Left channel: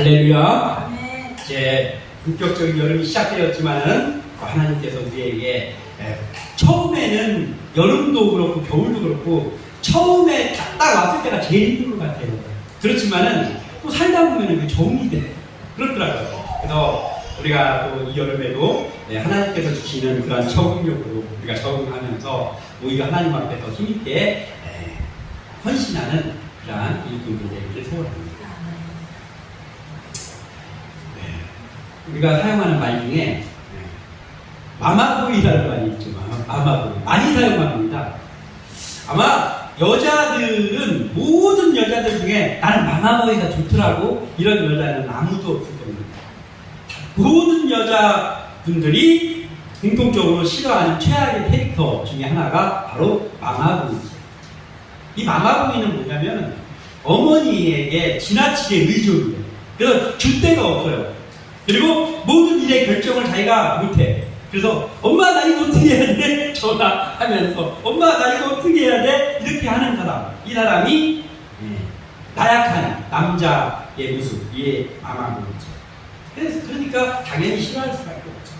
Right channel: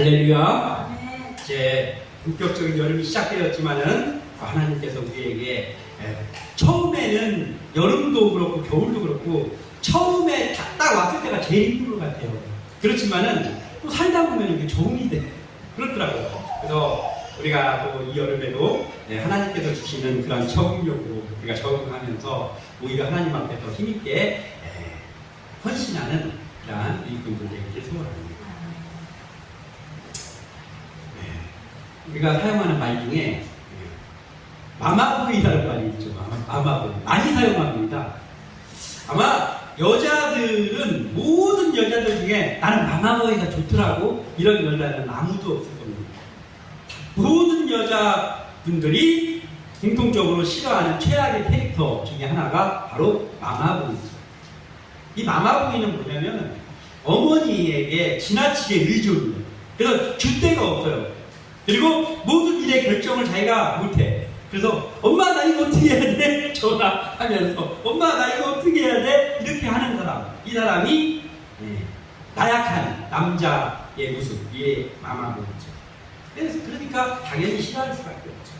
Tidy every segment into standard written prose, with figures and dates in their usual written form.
할렐루야. 이제 본격적인 여름이 시작되었지만은 하나님께서 우리에게 처음에는 여름도 그렇고 겨울도 그렇고 처음에 딱 왔을 때가 제일 힘든 것 같아요. 그렇지만은 또 살다 보면 이게 적응이 돼. 그렇더라고요. 그래서 우리가 또 이 여름에도 하나님께서 주시는 그런 적응력으로 우리가 적응하면서 오히려 하나님 앞에 더 힘있게 헌신하는 그러한 일꾼들에게 이렇게 세워갑니다. 우리가 사용하는 말 중에 마마보이라는 말이 있죠. 마마보이. 많이 사용합니다. 아마 여자들은 모든 여자들 중에 나는 마마보이가 좋더라고 이런 여자는 아무도 없을 겁니다. 모든 여자분들이 공통적으로 싫어하는 최악의 캐릭터 중에 하나가 바로 마마보이죠. 이 마마보이는 뭐냐면 어머니에게 지나치게 의존을 해요. 그래서 줄 데가 없어요. 그리고 모든 일의 결정을 자기가 못해. 그래서 엄마 나 이거 어떻게 해야 돼? 전화하면서 엄마 나 이거 어떻게 해야 돼? 이렇게 하는 사람. 이 사람이 나약한 남자의 모습. 이게 마마보이죠. 그러니까 당연히 싫어할 수밖에 없죠.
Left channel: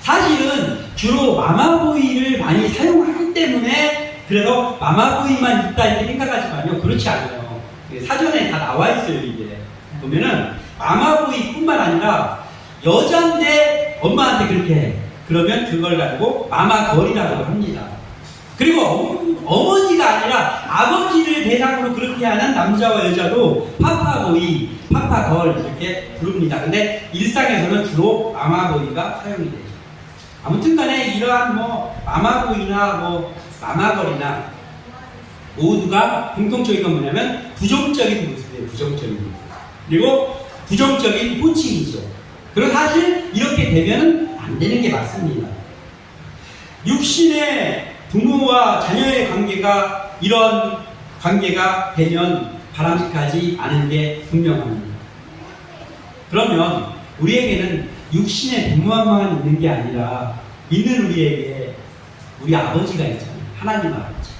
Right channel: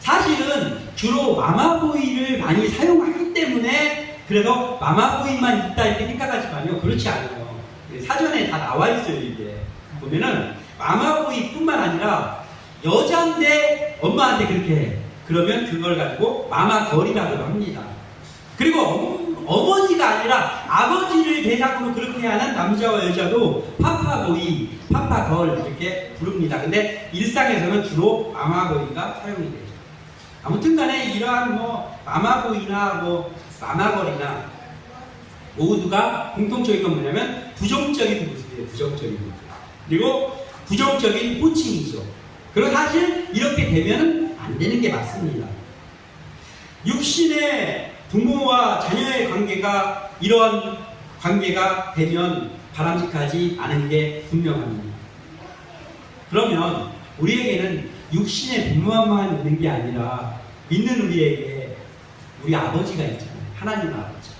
사실은 주로 마마보이를 많이 사용하기 때문에 그래서 마마보이만 있다 이렇게 생각하지만요. 그렇지 않아요. 사전에 다 나와 있어요. 이게 보면은 마마보이뿐만 아니라 여자인데 엄마한테 그렇게 해. 그러면 그걸 가지고 마마걸이라고 합니다. 그리고 어머니가 아니라 아버지를 대상으로 그렇게 하는 남자와 여자도 파파보이, 파파걸 이렇게 부릅니다. 근데 일상에서는 주로 마마보이가 사용이 되죠. 아무튼 간에 이러한 마마보이나 마마걸이나 모두가 공통적인 건 뭐냐면 부정적인 모습이에요. 부정적인 모습. 그리고 부정적인 호칭이죠. 그리고 사실 이렇게 되면 안 되는 게 맞습니다. 육신의 부모와 자녀의 관계가 이런 관계가 되면 바람직하지 않은 게 분명합니다. 그러면 우리에게는 육신의 부모만 있는 게 아니라 믿는 우리에게 우리 아버지가 있잖아요. 하나님 아버지.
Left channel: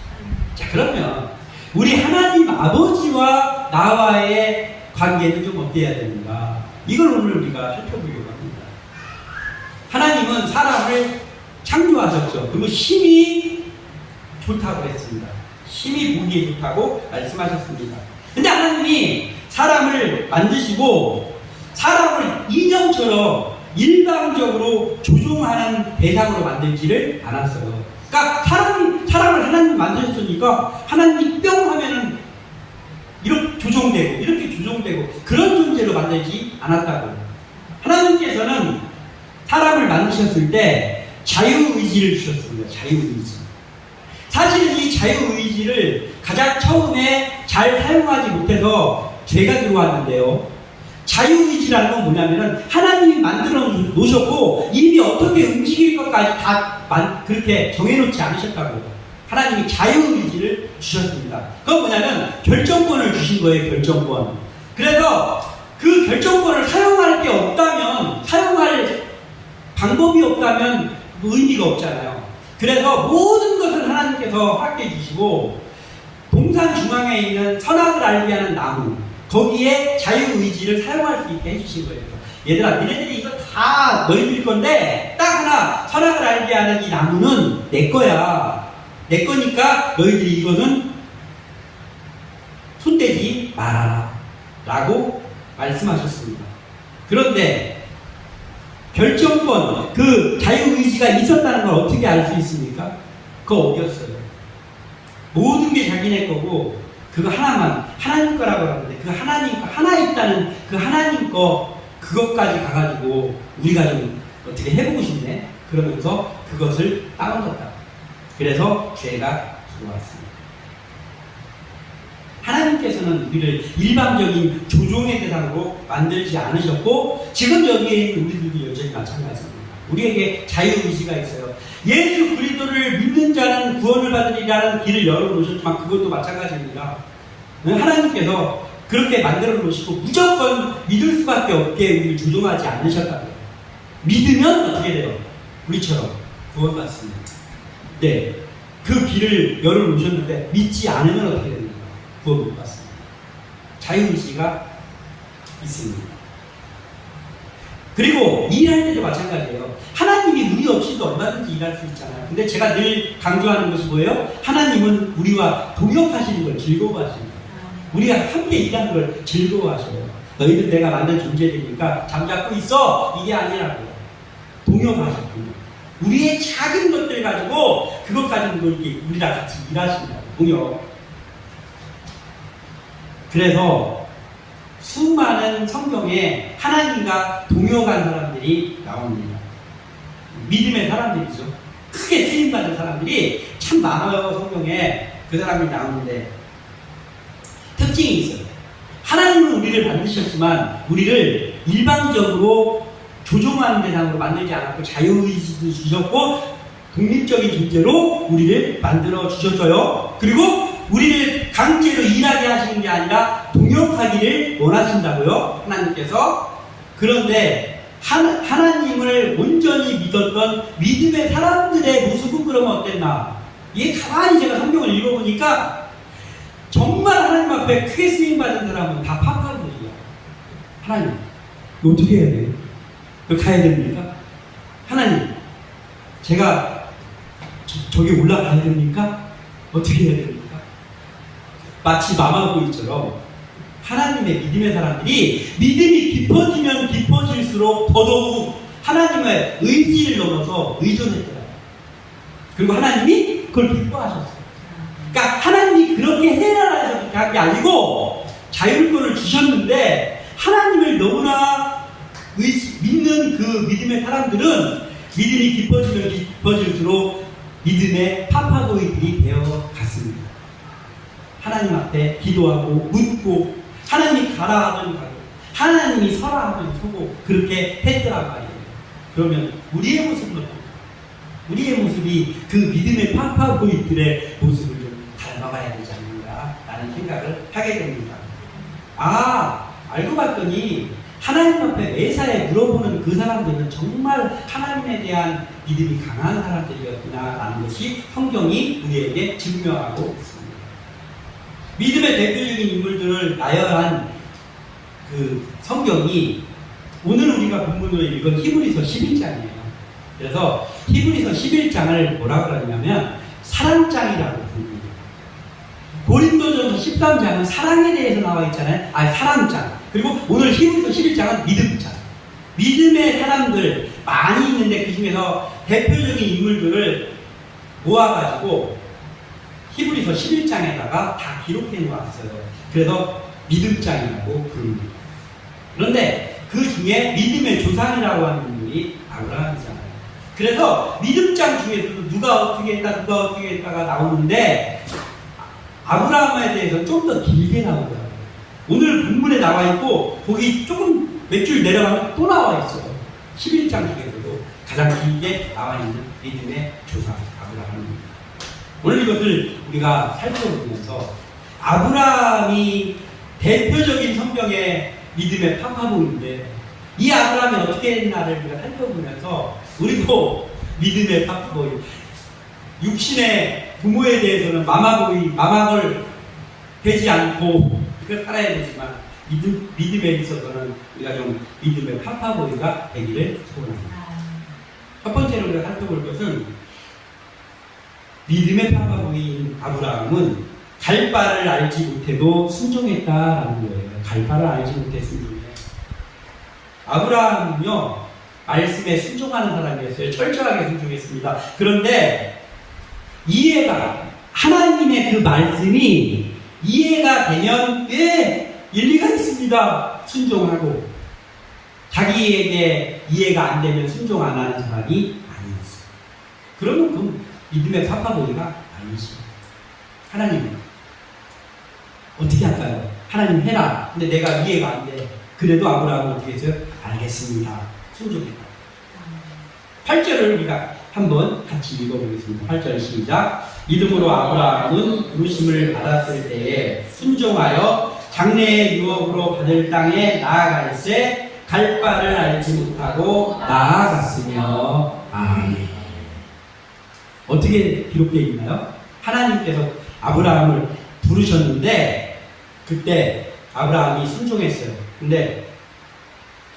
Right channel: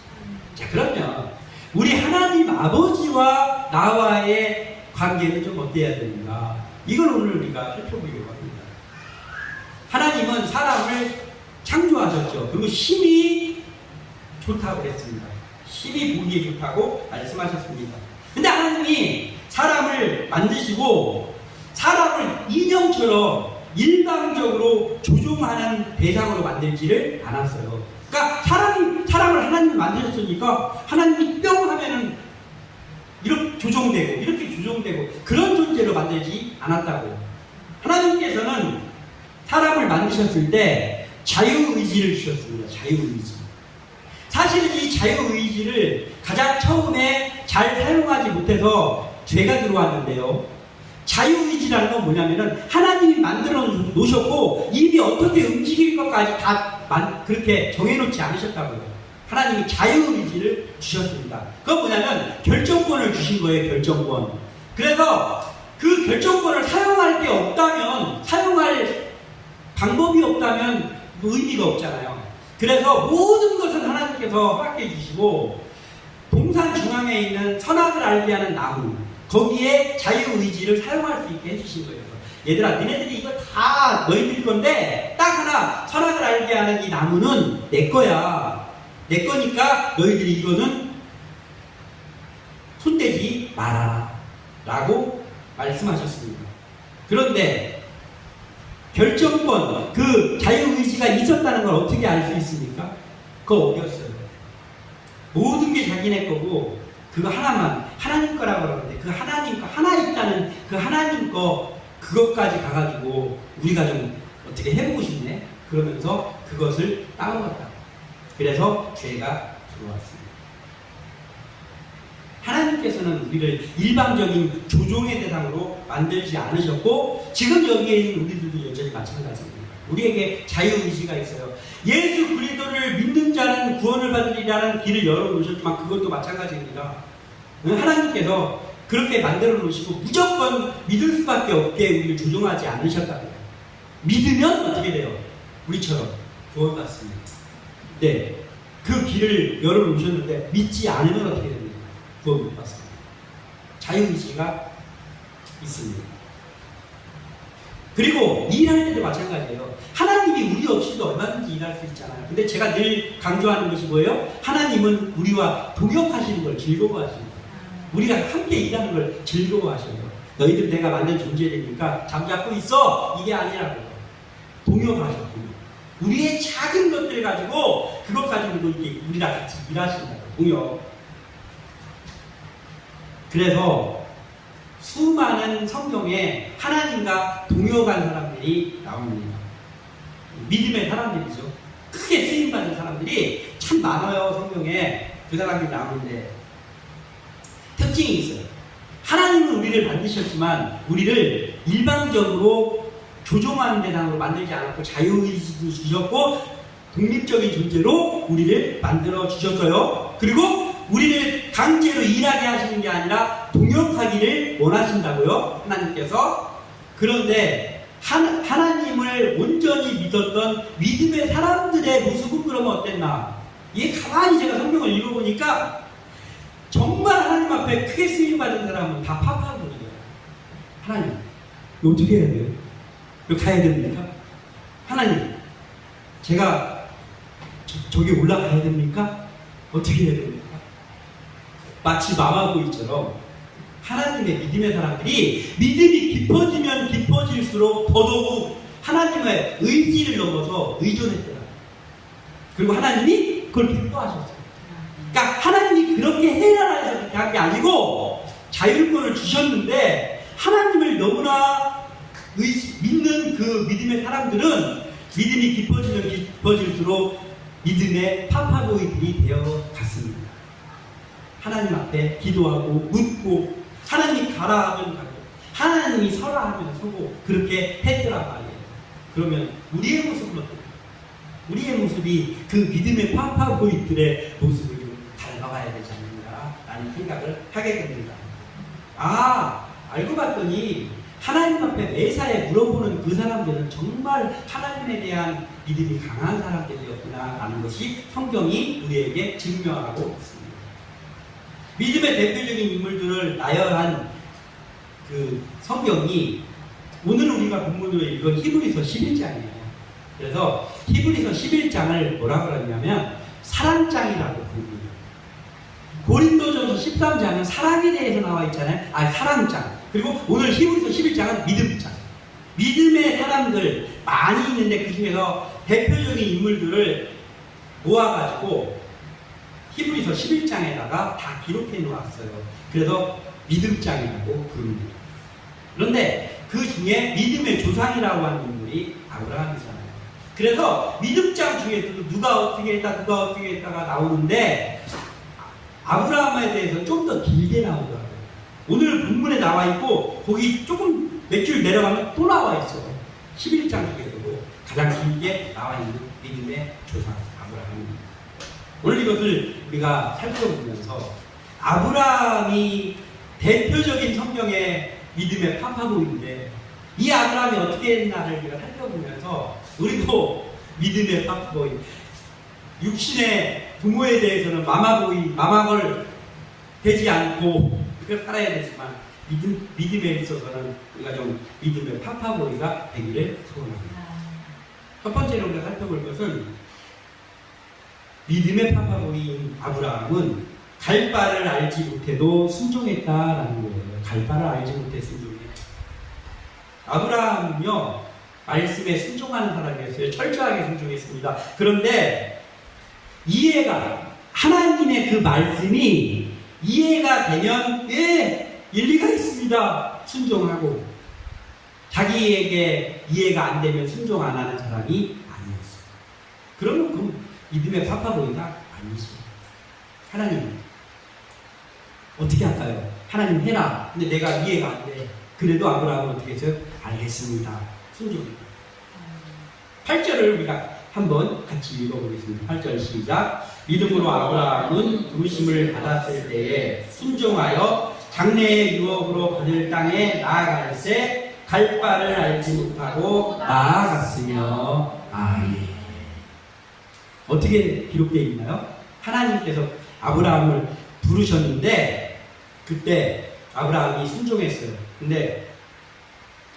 자, 그러면 우리 하나님 아버지와 나와의 관계는 좀 어때야 되는가? 이걸 오늘 우리가 살펴보려고 합니다. 하나님은 사람을 창조하셨죠. 그리고 힘이 좋다고 했습니다. 힘이 보기에 좋다고 말씀하셨습니다. 근데 하나님이 사람을 만드시고 사람을 인형처럼 일방적으로 조종하는 대상으로 만들지를 않았어요. 그러니까 사람을 하나님이 만드셨으니까 하나님이 뿅 하면은 이렇게 조종되고 이렇게 조종되고 그런 존재로 만들지 않았다고. 하나님께서는 사람을 만드셨을 때 자유의지를 주셨습니다. 자유의지. 사실은 이 자유의지를 가장 처음에 잘 사용하지 못해서 죄가 들어왔는데요. 자유의지라는 건 뭐냐면은 하나님이 만들어 놓으셨고 이미 어떻게 움직일 것까지 다 그렇게 정해놓지 않으셨다고. 하나님이 자유의지를 주셨습니다. 그건 뭐냐면 결정권을 주신 거예요. 결정권. 그래서 그 결정권을 사용할 게 없다면, 사용할 방법이 없다면 의미가 없잖아요. 그래서 모든 것을 하나님께서 확대해 주시고 동산 중앙에 있는 선악을 알게 하는 나무, 거기에 자유의지를 사용할 수 있게 해주신 거예요. 얘들아, 니네들이 이거 다 너희들 건데 딱 하나 선악을 알게 하는 이 나무는 내 거야. 내 거니까 너희들이 이거는 손대지 마라 라고 말씀하셨습니다. 그런데 결정권, 그 자유의지가 있었다는 걸 어떻게 알 수 있습니까? 그거 어디였어요? 모든 게 자기네 거고 그거 하나만 하나님 거라고 하는데 그 하나님 거 하나 있다는 그 하나님 거 그것까지 가가지고 우리가 좀 어떻게 해보고 싶네 그러면서 그것을 따먹었다. 그래서 죄가 들어왔습니다. 하나님께서는 우리를 일방적인 조종의 대상으로 만들지 않으셨고 지금 여기에 있는 우리들도 여전히 마찬가지입니다. 우리에게 자유의지가 있어요. 예수 그리스도를 믿는 자는 구원을 받으리라는 길을 열어놓으셨지만 그것도 마찬가지입니다. 하나님께서 그렇게 만들어 놓으시고 무조건 믿을 수밖에 없게 우리를 조종하지 않으셨다고요. 믿으면 어떻게 돼요? 우리처럼 구원받습니다. 네, 그 길을 열어놓으셨는데 믿지 않으면 어떻게 됩니까? 구원 못 받습니다. 자유의지가 있습니다. 그리고 일할 때도 마찬가지예요. 하나님이 우리 없이도 얼마든지 일할 수 있잖아요. 근데 제가 늘 강조하는 것이 뭐예요? 하나님은 우리와 동역하시는 걸 즐거워하시는 거예요. 우리가 함께 일하는 걸 즐거워하셔요. 너희들 내가 만든 존재들이니까 잠자고 있어. 이게 아니라고. 동역하셨군요. 우리의 작은 것들 가지고 그것 가지고 이렇게 우리랑 같이 일하신다고. 동역. 그래서 수많은 성경에 하나님과 동역한 사람들이 나옵니다. 믿음의 사람들이죠. 크게 쓰임받는 사람들이 참 많아요. 성경에 그 사람이 나오는데 특징이 있어요. 하나님은 우리를 만드셨지만 우리를 일방적으로 조종하는 대상으로 만들지 않았고 자유의지도 주셨고 독립적인 존재로 우리를 만들어 주셨어요. 그리고 우리를 강제로 일하게 하시는 게 아니라 동역하기를 원하신다고요. 하나님께서. 그런데 하나님을 온전히 믿었던 믿음의 사람들의 모습은 그러면 어땠나? 이게 가만히 제가 성경을 읽어보니까 정말 하나님 앞에 크게 쓰임받은 사람은 다 파파입니다. 하나님, 어떻게 해야 돼요? 여기 가야 됩니까? 하나님, 제가 저기 올라가야 됩니까? 어떻게 해야 됩니까? 마치 마마보이처럼 하나님의 믿음의 사람들이 믿음이 깊어지면 깊어질수록 더더욱 하나님의 의지를 넘어서 의존했더라고요. 그리고 하나님이 그걸 기뻐하셨어요. 그러니까 하나님이 그렇게 해라 해서 그렇게 한 게 아니고 자율권을 주셨는데 하나님을 너무나 믿는 그 믿음의 사람들은 믿음이 깊어지면 깊어질수록 믿음의 파파고이들이 되어 갔습니다. 하나님 앞에 기도하고 묻고 하나님이 가라 하면 가고 하나님이 서라 하면 서고 그렇게 했더란 말이에요. 그러면 우리의 모습은 어떨까요? 우리의 모습이 그 믿음의 파파고이들의 모습을 좀 닮아가야 되지 않는가 라는 생각을 하게 됩니다. 알고 봤더니 하나님 앞에 매사에 물어보는 그 사람들은 정말 하나님에 대한 믿음이 강한 사람들이었구나 라는 것이 성경이 우리에게 증명하고 있습니다. 믿음의 대표적인 인물들을 나열한 그 성경이 오늘 우리가 본문으로 읽은 히브리서 11장이에요. 그래서 히브리서 11장을 뭐라고 그러냐면 사랑장이라고 부릅니다. 고린도전서 13장은 사랑에 대해서 나와 있잖아요. 사랑장. 그리고 오늘 히브리서 11장은 믿음장. 믿음의 사람들 많이 있는데 그 중에서 대표적인 인물들을 모아가지고 히브리서 11장에다가 다 기록해 놓았어요. 그래서 믿음장이라고 부릅니다. 그런데 그 중에 믿음의 조상이라고 하는 인물이 아브라함이잖아요. 그래서 믿음장 중에서도 누가 어떻게 했다가 나오는데 아브라함에 대해서 좀 더 길게 나오더라고요. 오늘 본문에 나와 있고 거기 조금 몇 줄 내려가면 또 나와 있어요. 11장 중에서도 가장 길게 나와 있는 믿음의 조상 아브라함입니다. 오늘 이것을 우리가 살펴보면서 아브라함이 대표적인 성경의 믿음의 파파보인데 이 아브라함이 어떻게 했나를 우리가 살펴보면서 우리도 믿음의 파파보이 육신의 부모에 대해서는 마마걸 되지 않고 그렇게 살아야 되지만 믿음에 있어서는 우리가 좀 믿음의 파파보이가 되기를 소원합니다. 첫 번째로 우리가 살펴볼 것은 믿음의 파파보이인 아브라함은 갈 바를 알지 못해도 순종했다라는 거예요. 갈 바를 알지 못해 순종해. 아브라함은요 말씀에 순종하는 사람이었어요. 철저하게 순종했습니다. 그런데 하나님의 그 말씀이 이해가 되면 일리가 있습니다. 순종하고 자기에게 이해가 안 되면 순종 안 하는 사람이 아니었어요. 그러면 그 믿음의 파파보이가 아니죠. 하나님 어떻게 할까요? 하나님 해라. 근데 내가 이해가 안 돼. 그래도 아브라함은 어떻게 했어요? 알겠습니다. 순종했다. 8절을 우리가 한번 같이 읽어보겠습니다. 8절 시작. 믿음으로 아브라함은 부르심을 받았을 때에 순종하여 장래의 유업으로 받을 땅에 나아갈새 갈 바를 알지 못하고 나아갔으며. 아멘. 어떻게 기록되어 있나요? 하나님께서 아브라함을 부르셨는데 그때 아브라함이 순종했어요. 근데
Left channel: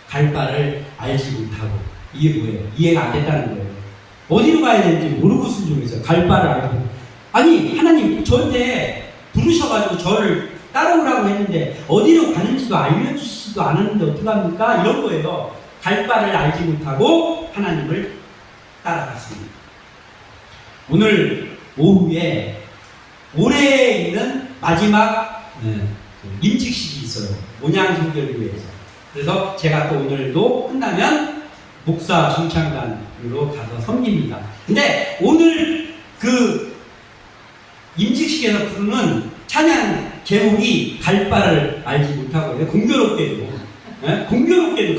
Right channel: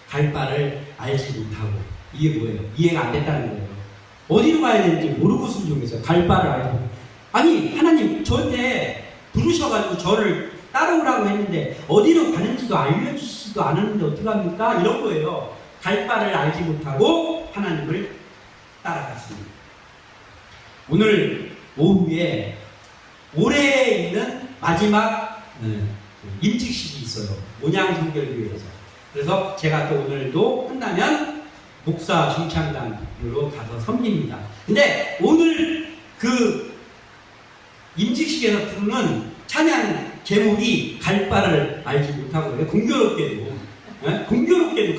갈 바를 알지 못하고. 이게 뭐예요? 이해가 안 됐다는 거예요. 어디로 가야 되는지 모르고 순종해서 갈 바를 알고. 아니 하나님 저한테 부르셔가지고 저를 따라오라고 했는데 어디로 가는지도 알려주시지도 않았는데 어떡합니까? 이런 거예요. 갈 바를 알지 못하고 하나님을 따라갔습니다. 오늘 오후에 올해에 있는 마지막 임직식이 있어요. 온양성결교회에서. 그래서 제가 또 오늘도 끝나면 목사 중창단으로 가서 섬깁니다. 근데 오늘 그 임직식에서 부르는 찬양 제목이 갈 바를 알지 못하고요. 공교롭게도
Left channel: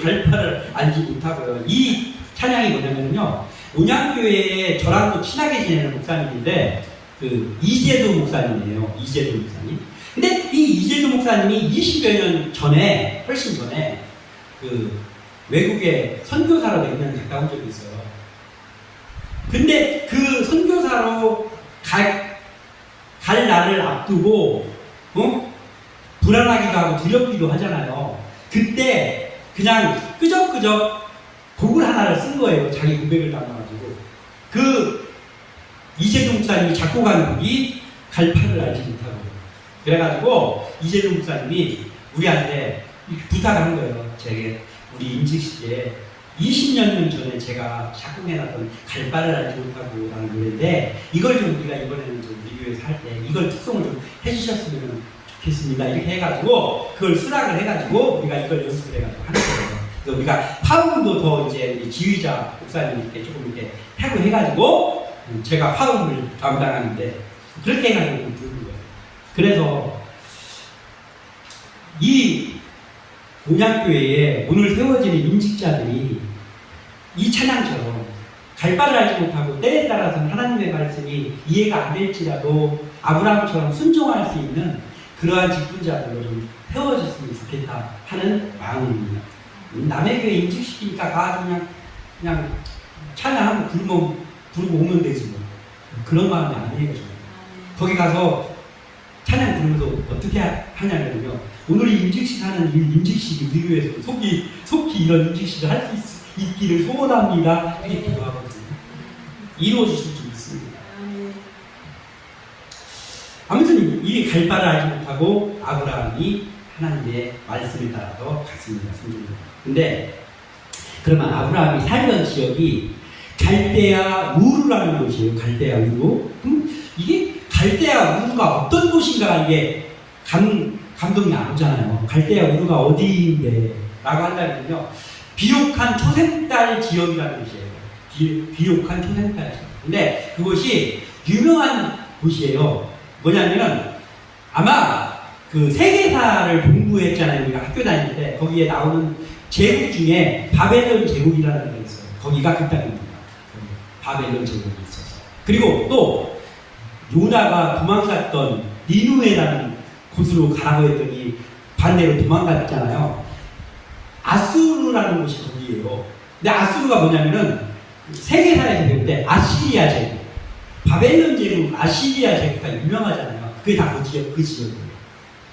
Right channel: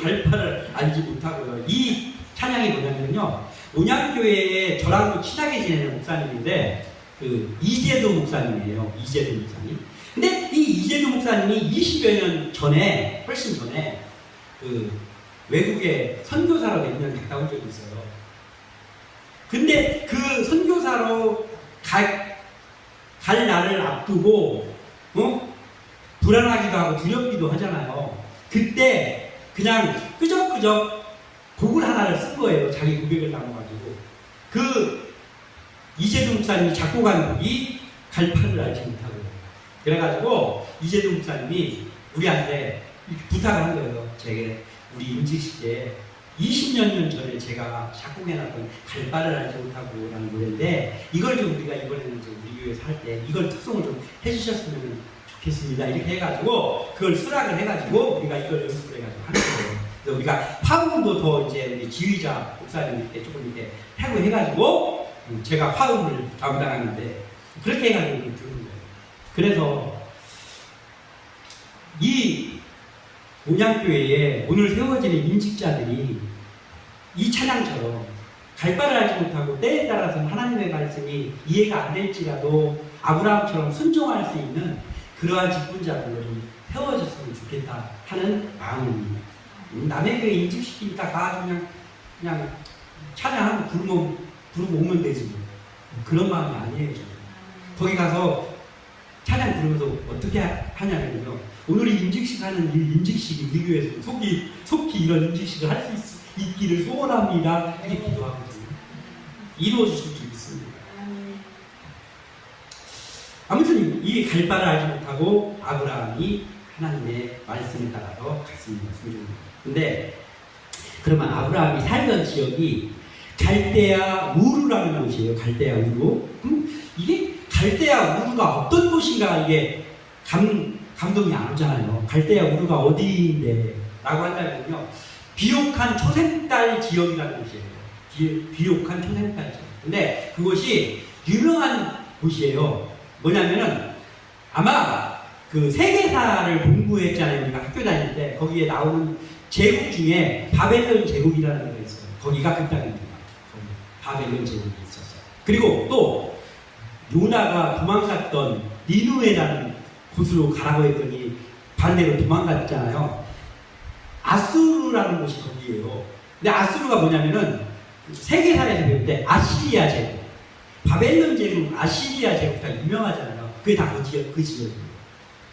갈 바를 알지 못하고요. 이 찬양이 뭐냐면요. 온양교회에 저랑도 친하게 지내는 목사님인데 그 이재도 목사님이에요. 이재도 목사님. 근데 이 이재도 목사님이 20여 년 전에, 훨씬 전에 그 외국에 선교사로 몇 년 갔다 온 적이 있어요. 근데 그 선교사로 갈 날을 앞두고 불안하기도 하고 두렵기도 하잖아요. 그때 그냥 끄적끄적 곡을 하나를 쓴 거예요. 자기 고백을 담아가지고. 그 이재동 목사님이 작곡한 곡이 갈 바를 알지 못하고. 그래가지고 이재동 목사님이 우리한테 부탁을 한 거예요. 제게 우리 임직식에 20년 전에 제가 작곡해놨던 갈 바를 알지 못하고 라는 노래인데 이걸 좀 우리가 이번에는 좀 우리 교회에서 할 때 이걸 특성을 좀 해주셨으면 좋겠습니다. 이렇게 해가지고 그걸 수락을 해가지고 우리가 이걸 연습을 해가지고 하는 거예요. 그래서 우리가 파음도 더 이제 지휘자 목사님께 조금 이렇게 하고 해가지고 제가 파음을 담당하는데 그렇게 해가지고 부르는 거예요. 그래서 이 온양교회에 오늘 세워지는 임직자들이 이 찬양처럼 갈 바를 알지 못하고 때에 따라서는 하나님의 말씀이 이해가 안 될지라도 아브라함처럼 순종할 수 있는 그러한 직분자들로 좀 세워졌으면 좋겠다 하는 마음입니다. 남의 교회 임직시키니까 가서 그냥 찬양하고 부르고 오면 되지 뭐. 그런 마음이 아니에요. 거기 가서 찬양 부르면서 어떻게 하냐면요. 오늘 이 임직식 하는 이 임직식이 우리 교회에서 속히 이런 임직식을 할 수 있기를 소원합니다. 이렇게 기도하거든요. 이루어지실 수 있습니다. 아무튼 이 갈 바를 알지 못하고 아브라함이 하나님의 말씀에 따라서 갔습니다. 근데 그러면 아브라함이 살던 지역이 갈대아 우르라는 곳이에요. 갈대아 우르. 이게 갈대아 우르가 어떤 곳인가 이게 감동이 안 오잖아요. 갈대아 우르가 어디인데 라고 한다면요. 비옥한 초생딸 지역이라는 곳이에요. 비옥한 초생딸 지역. 근데 그곳이 유명한 곳이에요. 뭐냐면은 아마 그 세계사를 공부했잖아요. 우리가 학교 다닐 때 거기에 나오는 제국 중에 바벨론 제국이라는 데가 있어요. 거기가 그 땅입니다. 바벨론 제국이 있었어요. 그리고 또 요나가 도망갔던 니누에라는 곳으로 가라고 했더니 반대로 도망갔잖아요. 아수르라는 곳이 거기예요. 근데 아수르가 뭐냐면은 세계사에서 배울 때 아시리아 제국, 바벨론 제국, 아시리아 제국 다 유명하잖아요. 그게 다 그 지역이에요.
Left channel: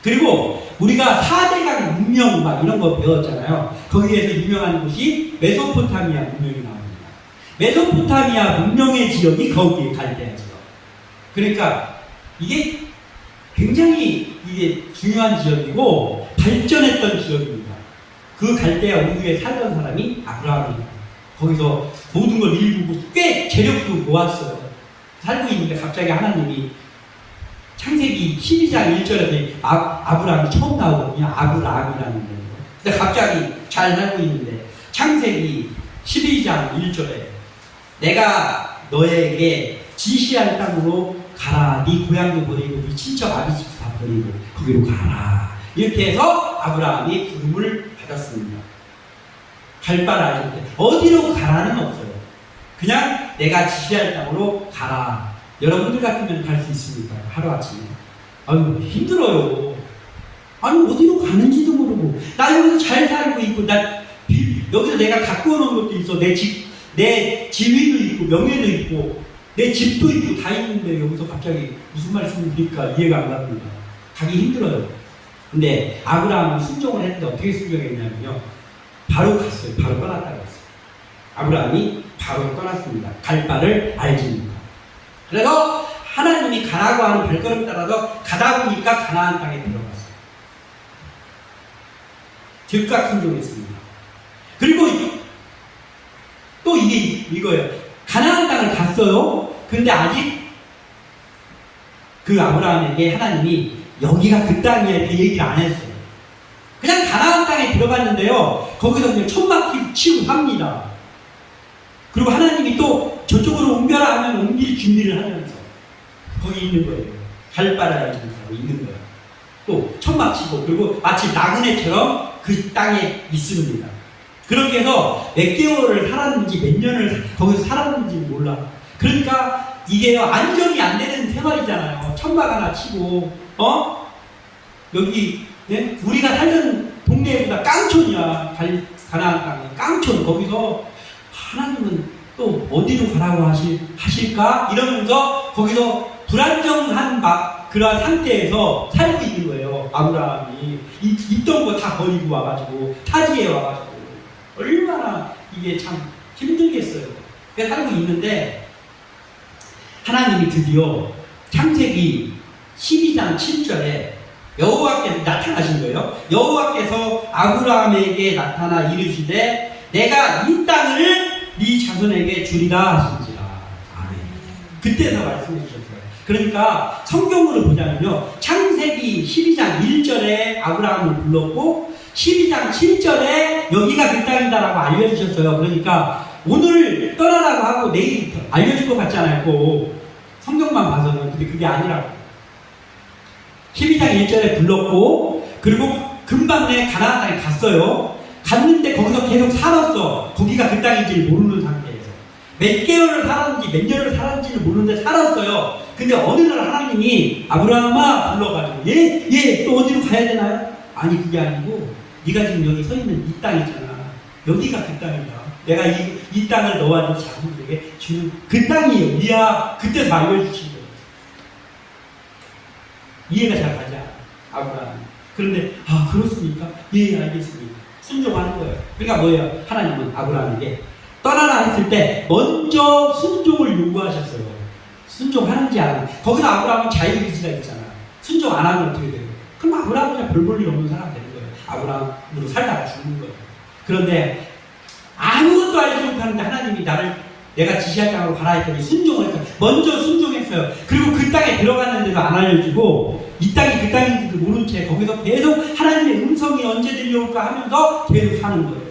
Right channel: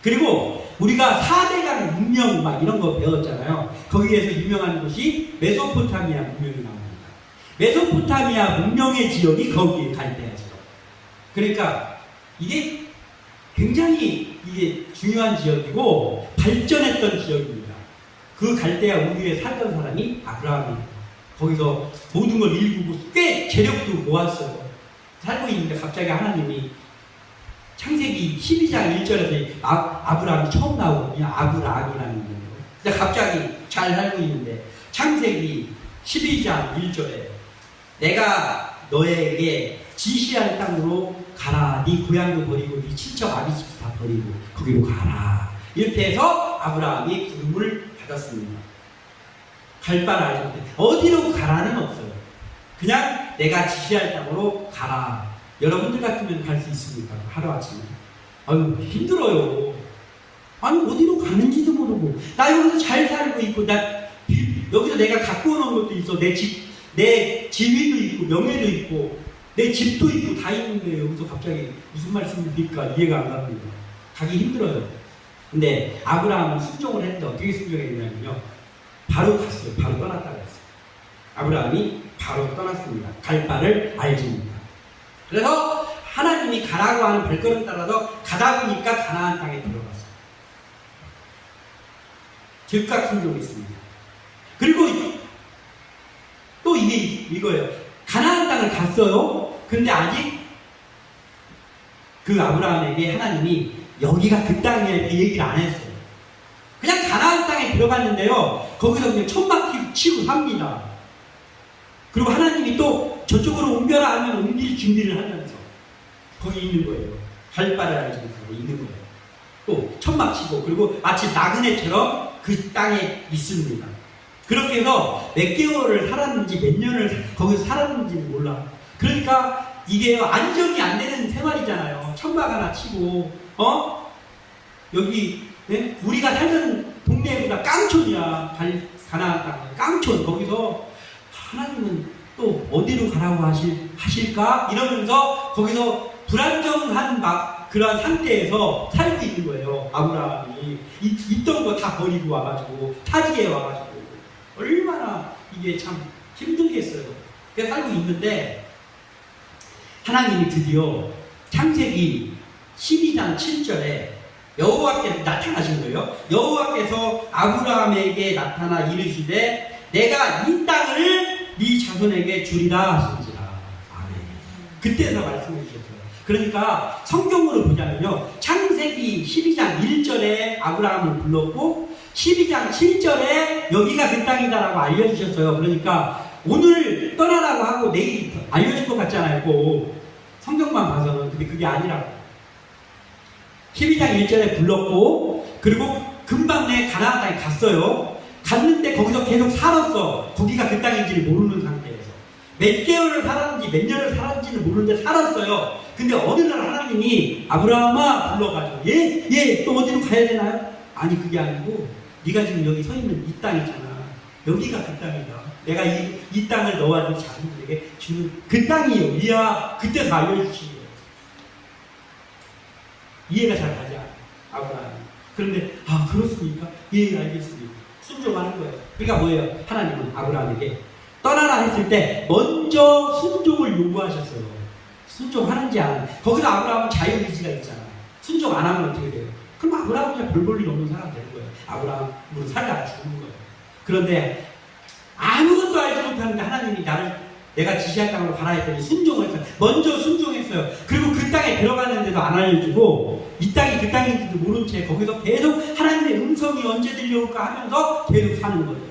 그리고 우리가 4대강 문명 막 이런 거 배웠잖아요. 거기에서 유명한 곳이 메소포타미아 문명이 나옵니다. 메소포타미아 문명의 지역이 거기에 갈대아 지역. 그러니까 이게 굉장히 이게 중요한 지역이고 발전했던 지역입니다. 그 갈대아 우르에 살던 사람이 아브라함입니다. 거기서 모든 걸 일구고 꽤 재력도 모았어요. 살고 있는데 갑자기 하나님이 창세기 12장 1절에서 아브라함이 처음 나오거든요. 아브라함이라는 거예요. 근데 갑자기 잘 살고 있는데 창세기 12장 1절에 내가 너에게 지시할 땅으로 가라. 네 고향도 버리고 네 친척 아비집도 다 버리고 거기로 가라. 이렇게 해서 아브라함이 부름을 받았습니다. 갈 바를 알지 못해. 어디로 가라는 없어요. 그냥 내가 지시할 땅으로 가라. 여러분들 같으면 갈 수 있습니까? 하루아침에. 아유 힘들어요. 아니 어디로 가는지도 모르고 나 여기서 잘 살고 있고 여기서 내가 갖고 오는 것도 있어. 내 지위도 있고 명예도 있고 내 집도 있고 다 있는데 여기서 갑자기 무슨 말씀입니까? 이해가 안 갑니다. 가기 힘들어요. 근데 아브라함은 순종을 했는데 어떻게 순종했냐면요. 바로 갔어요. 바로 떠났다고 했어요. 아브라함이 바로 떠났습니다. 갈 바를 알지 못하고. 그래서 하나님이 가라고 하는 발걸음 따라서 가다 보니까 가나안 땅에 들어갔어요. 즉각 순종했습니다. 그리고 또 이거예요. 가나안 땅을 갔어요. 근데 아직 그 아브라함에게 하나님이 여기가 그 땅이야 이렇게 얘기를 안 했어요. 그냥 가나안 땅에 들어갔는데요. 거기서 그냥 천막 치고 합니다. 그리고 하나님이 또 저쪽으로 옮겨라 하면 옮길 준비를 하면서 거기 있는 거예요. 갈 바를 알지 못하고 있는 거예요. 또 천막 치고 그리고 마치 나그네처럼 그 땅에 있습니다. 그렇게 해서 몇 개월을 살았는지 몇 년을 거기서 살았는지 몰라. 그러니까 이게 안정이 안 되는 생활이잖아요. 천막 하나 치고 여기 네? 우리가 살던 동네보다 깡촌이야. 가나안 땅 깡촌. 거기서 하나님은 또 어디로 가라고 하실까? 이러면서 거기서 불안정한 그런 상태에서 살고 있는 거예요. 아브라함이 있던 거 다 버리고 와가지고 타지에 와가지고 얼마나 이게 참 힘들겠어요. 그래서 살고 있는데 하나님이 드디어 창세기 12장 7절에 여호와께서 나타나신 거예요. 여호와께서 아브라함에게 나타나 이르시되 내가 이 땅을 네 자손에게 주리라 하신지라. 아멘. 그때서 말씀해 주셨어요. 그러니까 성경으로 보자면요. 창세기 12장 1절에 아브라함을 불렀고 12장 7절에 여기가 그 땅이다라고 알려주셨어요. 그러니까 오늘 떠나라고 하고 내일 알려줄 것 같잖아요. 꼭 성경만 봐서는. 근데 그게 아니라고. 12장 1절에 불렀고 그리고 금방 내 가나안 땅에 갔어요. 갔는데 거기서 계속 살았어. 거기가 그 땅인지를 모르는 상태에서. 몇 개월을 살았는지 몇 년을 살았는지를 모르는데 살았어요. 근데 어느 날 하나님이 아브라함아 불러가지고 얘 또 어디로 가야 되나요? 아니 그게 아니고 네가 지금 여기 서 있는 이 땅이잖아. 여기가 그 땅이다. 내가 이 땅을 너와 네 자손들에게 주는 그 땅이에요. 이야 그때서 알려주신 거예요. 이해가 잘 가지 않아. 아브라함. 그런데 그렇습니까? 예 알겠습니다. 순종하는 거예요. 그러니까 뭐예요? 하나님은 아브라함에게 떠나라 했을 때 먼저 순종을 요구하셨어요. 순종하는지 안 하는지. 거기서 아브라함은 자유의지가 있잖아. 순종 안 하면 어떻게 돼요? 그럼 아브라함은 그냥 별 볼 일 없는 사람 되는 거예요. 아브라함으로 살다가 죽는 거예요. 그런데 아무것도 알지 못하는데 하나님이 내가 지시할 땅으로 가라 했더니 순종을 했어요. 먼저 순종했어요. 그리고 그 땅에 들어갔는데도 안 알려주고 이 땅이 그 땅인지도 모른 채 거기서 계속 하나님의 음성이 언제 들려올까 하면서 계속 사는 거예요.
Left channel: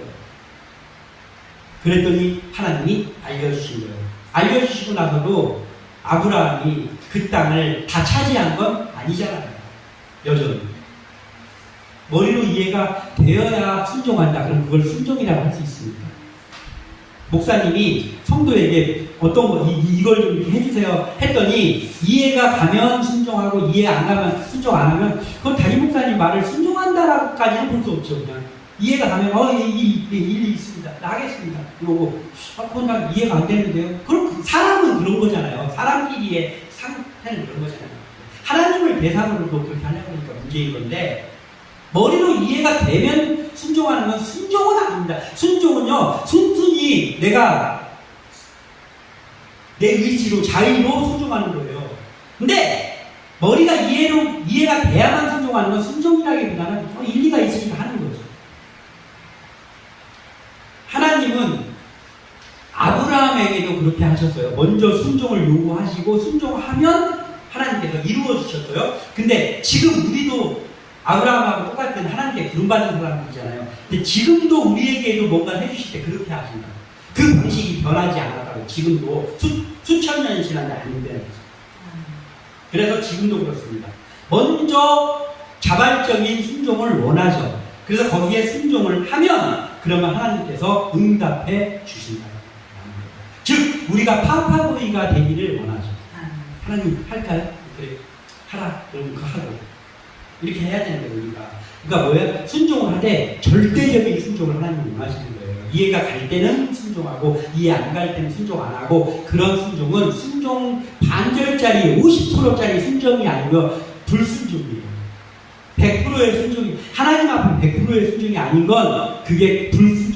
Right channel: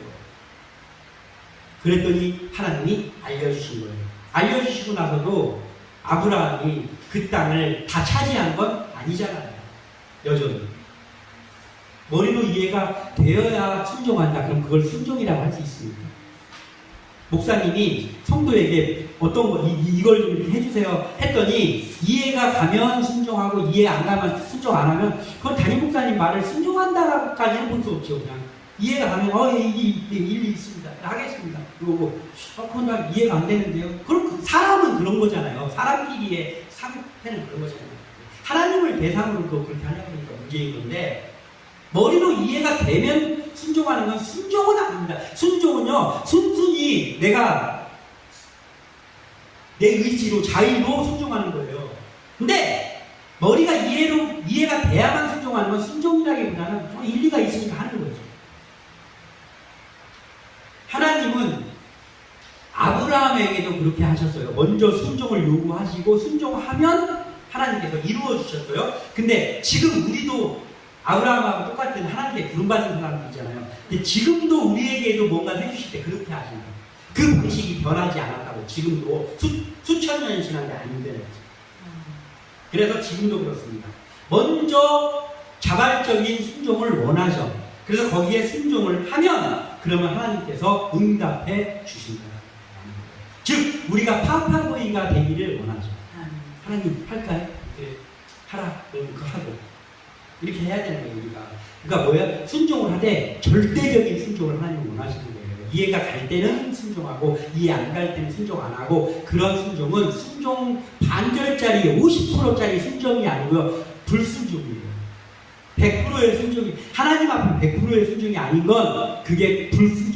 그랬더니 하나님이 알려주신 거예요. 알려주시고 나서도 아브라함이 그 땅을 다 차지한 건 아니잖아요. 여전히. 머리로 이해가 되어야 순종한다. 그럼 그걸 순종이라고 할 수 있습니까? 목사님이 성도에게 어떤 거, 이걸 좀 해주세요 했더니 이해가 가면 순종하고 이해 안 가면 순종 안 하면 그건 담임 목사님 말을 순종한다라고까지는 볼 수 없죠. 그냥 이해가 가면 일리 있습니다. 하겠습니다. 그러고 그건 난 이해가 안 되는데요. 그럼 사람은 그런 거잖아요. 사람끼리의 상태는 그런 거잖아요. 하나님을 대상으로도 그렇게 하려고 하니까 문제인 건데 머리로 이해가 되면 순종하는 건 순종은 아닙니다. 순종은요, 순순히 내가 내 의지로, 자의로 순종하는 거예요. 근데 머리가 이해가 돼야만 순종하는 건 순종이라기보다는 일리가 있으니까 하는 거죠. 하나님은 아브라함에게도 그렇게 하셨어요. 먼저 순종을 요구하시고 순종하면 하나님께서 이루어 주셨어요. 근데 지금 우리도 아브라함하고 똑같은 하나님께 부름받은 사람들이잖아요. 근데 지금도 우리에게도 뭔가 해주실 때 그렇게 하신다. 그 방식이 변하지 않았다고. 지금도 수천 년이 지났는데 안 되는 거죠. 그래서 지금도 그렇습니다. 먼저 자발적인 순종을 원하죠. 그래서 거기에 순종을 하면 그러면 하나님께서 응답해 주신다. 즉 우리가 파파보이가 되기를 원하죠. 하나님 할까요? 이렇게 하라. 그러면 그거 하라고. 이렇게 해야 되는 거예요. 우리가. 그러니까 뭐예요? 순종을 하되 절대적인 순종을 하나님이 원하시는 거예요. 이해가 갈 때는 순종하고 이해 안 갈 때는 순종 안 하고 그런 순종은 순종 반절짜리 50%짜리 순종이 아니고요. 불순종이에요. 100%의 순종이 하나님 앞에 100%의 순종이 아닌 건 그게 불순종이에요.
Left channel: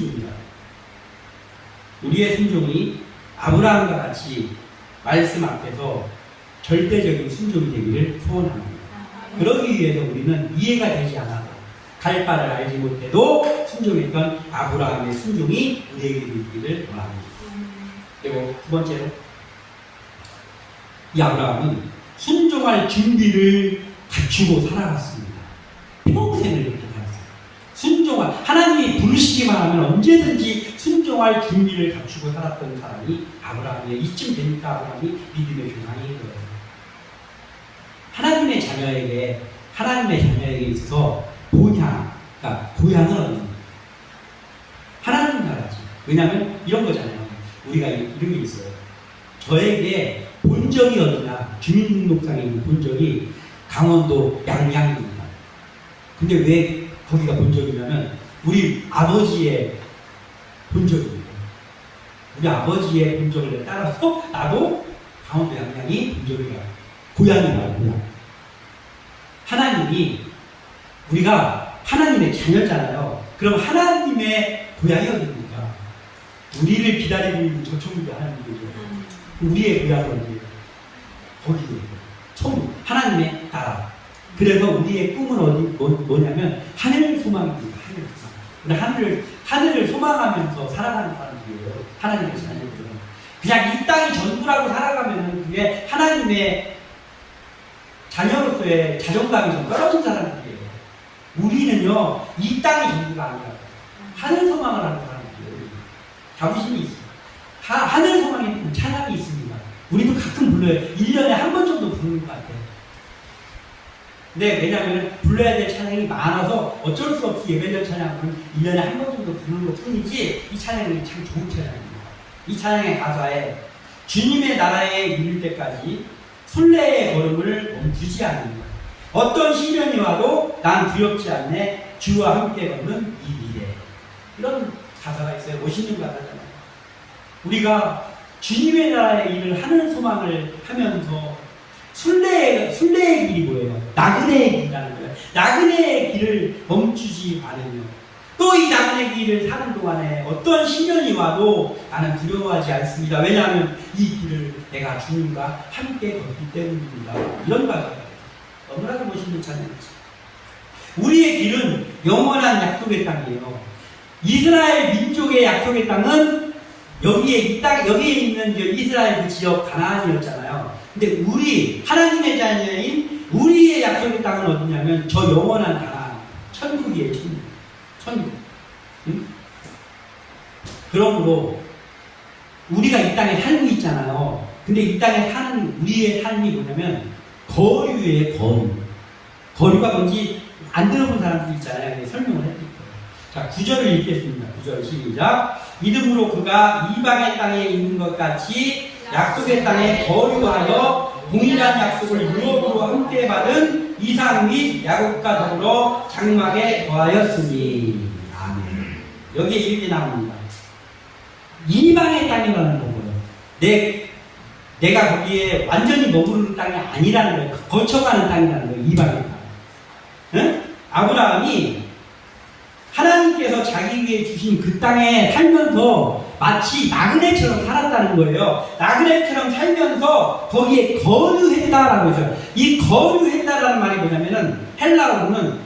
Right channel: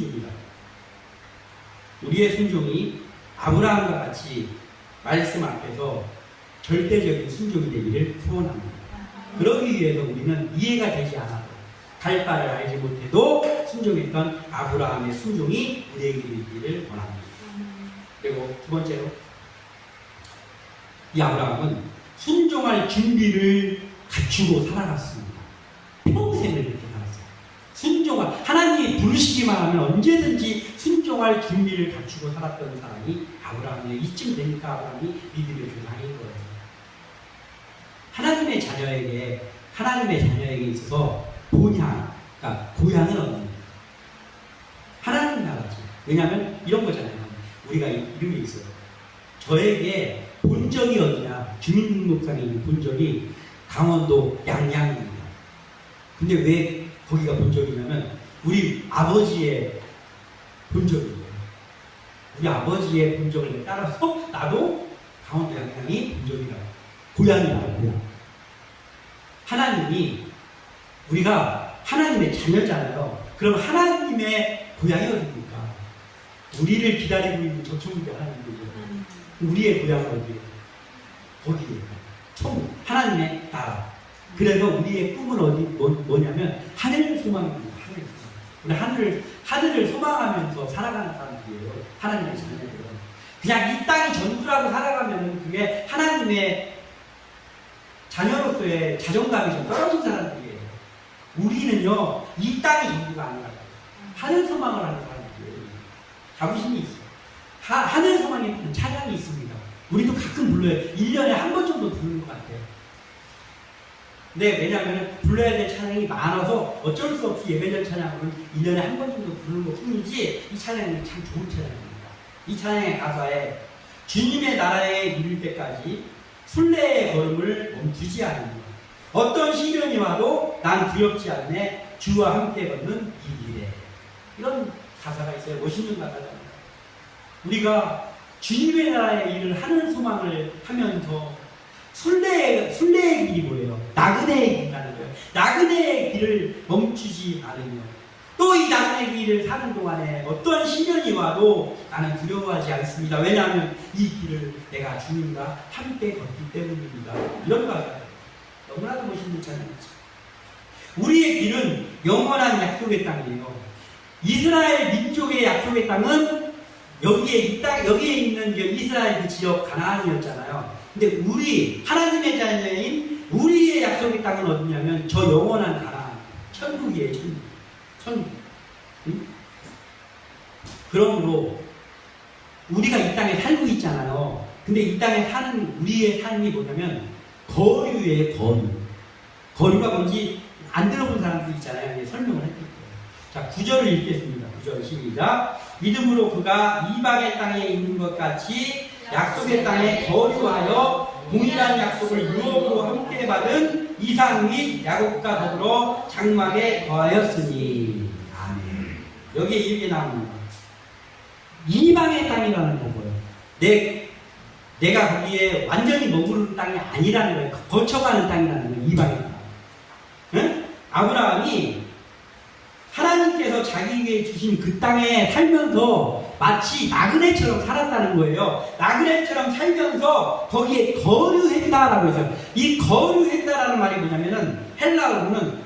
우리의 순종이 아브라함과 같이 말씀 앞에서 절대적인 순종이 되기를 소원합니다. 그러기 위해서 우리는 이해가 되지 않아도 갈 바를 알지 못해도 순종했던 아브라함의 순종이 우리에게 되기를 원합니다. 그리고 두 번째로 이 아브라함은 순종할 준비를 갖추고 살아갔습니다. 평생을 그렇게 살았어요. 순종할 하나님이 부르시기만 하면 언제든지 순종할 준비를 갖추고 살았던 사람이 아브라함이에요. 이쯤 되니까 아브라함이 믿음의 조상인 거예요. 하나님의 자녀에게 있어서 그러니까 고향은 없는 하나님 나라지. 왜냐하면 이런 거잖아요. 우리가 이런 게 있어요. 저에게 본적이 어디냐, 주민등록상에 있는 본적이 강원도 양양입니다. 근데 왜 거기가 본적이냐면 우리 아버지의 본적이에요. 우리 아버지의 본적을 따라서 나도 강원도 양양이 본적이라 고향이다. 고향. 하나님이 우리가 하나님의 자녀잖아요. 그럼 하나님의 고향이 어디입니까? 우리를 기다리고 있는 저쪽으로 하나님이죠. 우리의 고향은 어디예요? 거기예요. 총 하나님의 나라. 그래서 우리의 꿈은 뭐냐면 하늘 소망입니다. 하늘 소망. 하늘을 소망하면서 살아가는 사람들이에요. 하나님의 자녀들은. 그냥 이 땅이 전부라고 살아가면 그게 하나님의 자녀로서의 자존감이 좀 떨어진 사람들이에요. 우리는요, 이 땅이 전부가 아니라 하늘 소망을 하는 사람들이에요. 자부심이 있어요. 하늘 소망에 찬양이 있습니다. 우리도 가끔 불러요. 1년에 한 번 정도 부르는 것 같아요. 근데 왜냐하면 불러야 될 찬양이 많아서 어쩔 수 없이 예배절 찬양은 1년에 한 번 정도 부르는 것 뿐이지 이 찬양이 참 좋은 찬양입니다. 이 찬양의 가사에 주님의 나라에 이를 때까지 순례의 걸음을 멈추지 않는다. 어떤 시련이 와도 난 두렵지 않네. 주와 함께 걷는 이 미래. 이런 가사가 있어요. 멋있는 가사잖아요. 우리가 주님의 나라의 일을 하는 소망을 하면서 순례의 길이 뭐예요? 나그네의 길이라는 거예요. 나그네의 길을 멈추지 않으며 또 이 나그네 길을 사는 동안에 어떤 시련이 와도 나는 두려워하지 않습니다. 왜냐하면 이 길을 내가 주님과 함께 걷기 때문입니다. 이런 가사예요. 너무나도 멋있는 찬양이죠. 우리의 길은 영원한 약속의 땅이에요. 이스라엘 민족의 약속의 땅은 여기에 있는 이스라엘 그 지역 가나안이었잖아요. 근데 우리 하나님의 자녀인 우리의 약속의 땅은 어디냐면 저 영원한 가나안, 천국이에요. 천국. 응? 그러므로 우리가 이 땅에 살고 있잖아요. 근데 이 땅에 사는 우리의 삶이 뭐냐면 거류예요. 거류가 뭔지 안 들어본 사람들 있잖아요. 설명을 해드릴게요. 자, 9절을 읽겠습니다. 9절 시작. 믿음으로 그가 이방의 땅에 있는 것 같이 약속의 땅에 거류하여 동일한 약속을 유업으로 함께 받은 이삭 및 야곱과 더불어 장막에 거하였으니. 아멘. 여기에 이렇게 나옵니다. 이방의 땅이라는 거고요. 내가 거기에 완전히 머무르는 땅이 아니라는 거예요. 거쳐가는 땅이라는 거예요. 이방의 땅. 응? 아브라함이 하나님께서 자기에게 주신 그 땅에 살면서 마치 나그네처럼 살았다는 거예요. 나그네처럼 살면서 거기에 거류했다라고 해서 이 거류했다라는 말이 뭐냐면은 헬라어로는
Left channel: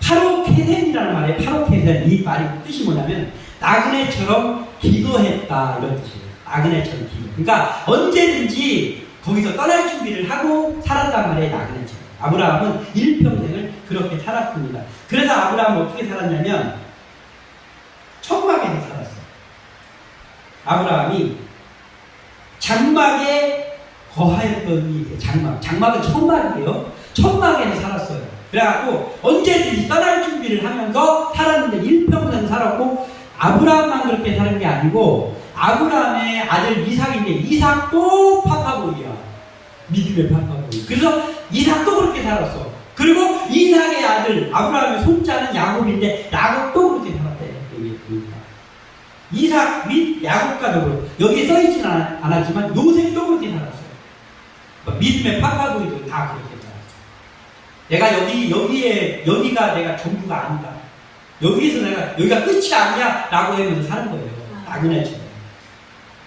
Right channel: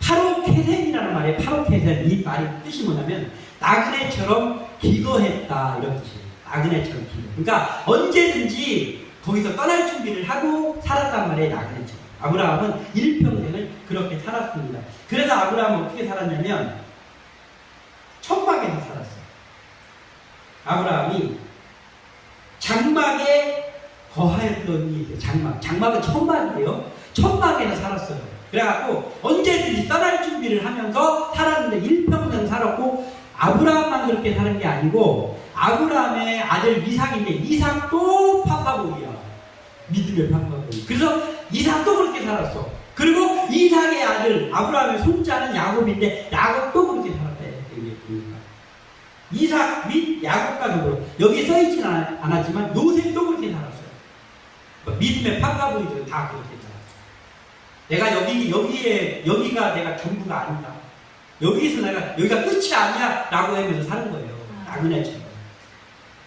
파로케센이라는 말이에요. 파로케센. 이 말이 뜻이 뭐냐면 나그네처럼 기도했다 이런 뜻이에요. 나그네처럼 기도. 그러니까 언제든지 거기서 떠날 준비를 하고 살았단 말이에요. 나그네처럼. 아브라함은 일평생을 그렇게 살았습니다. 그래서 아브라함은 어떻게 살았냐면 천막에서 살았어요. 아브라함이 장막에 거하였던 이 장막은 천막이에요. 천막에서 살았어요. 그래갖고 언제든지 떠날 준비를 하면서 살았는데 일평생 살았고 아브라함만 그렇게 사는 게 아니고 아브라함의 아들 이삭인데 이삭도 파파보이야. 믿음의 파파보이. 그래서 이삭도 그렇게 살았어. 그리고 이삭의 아들 아브라함의 손자는 야곱인데 야곱도 그렇게 살았대. 이삭 및 야곱과 더불어 여기에 써있지는 않았지만 요셉도 그렇게 살았어요. 믿음의 파파보이도 다 그렇게 살았어요. 내가 여기가 내가 전부가 아니다. 여기가 끝이 아니야 라고 하면서 사는 거예요. 나그네처럼.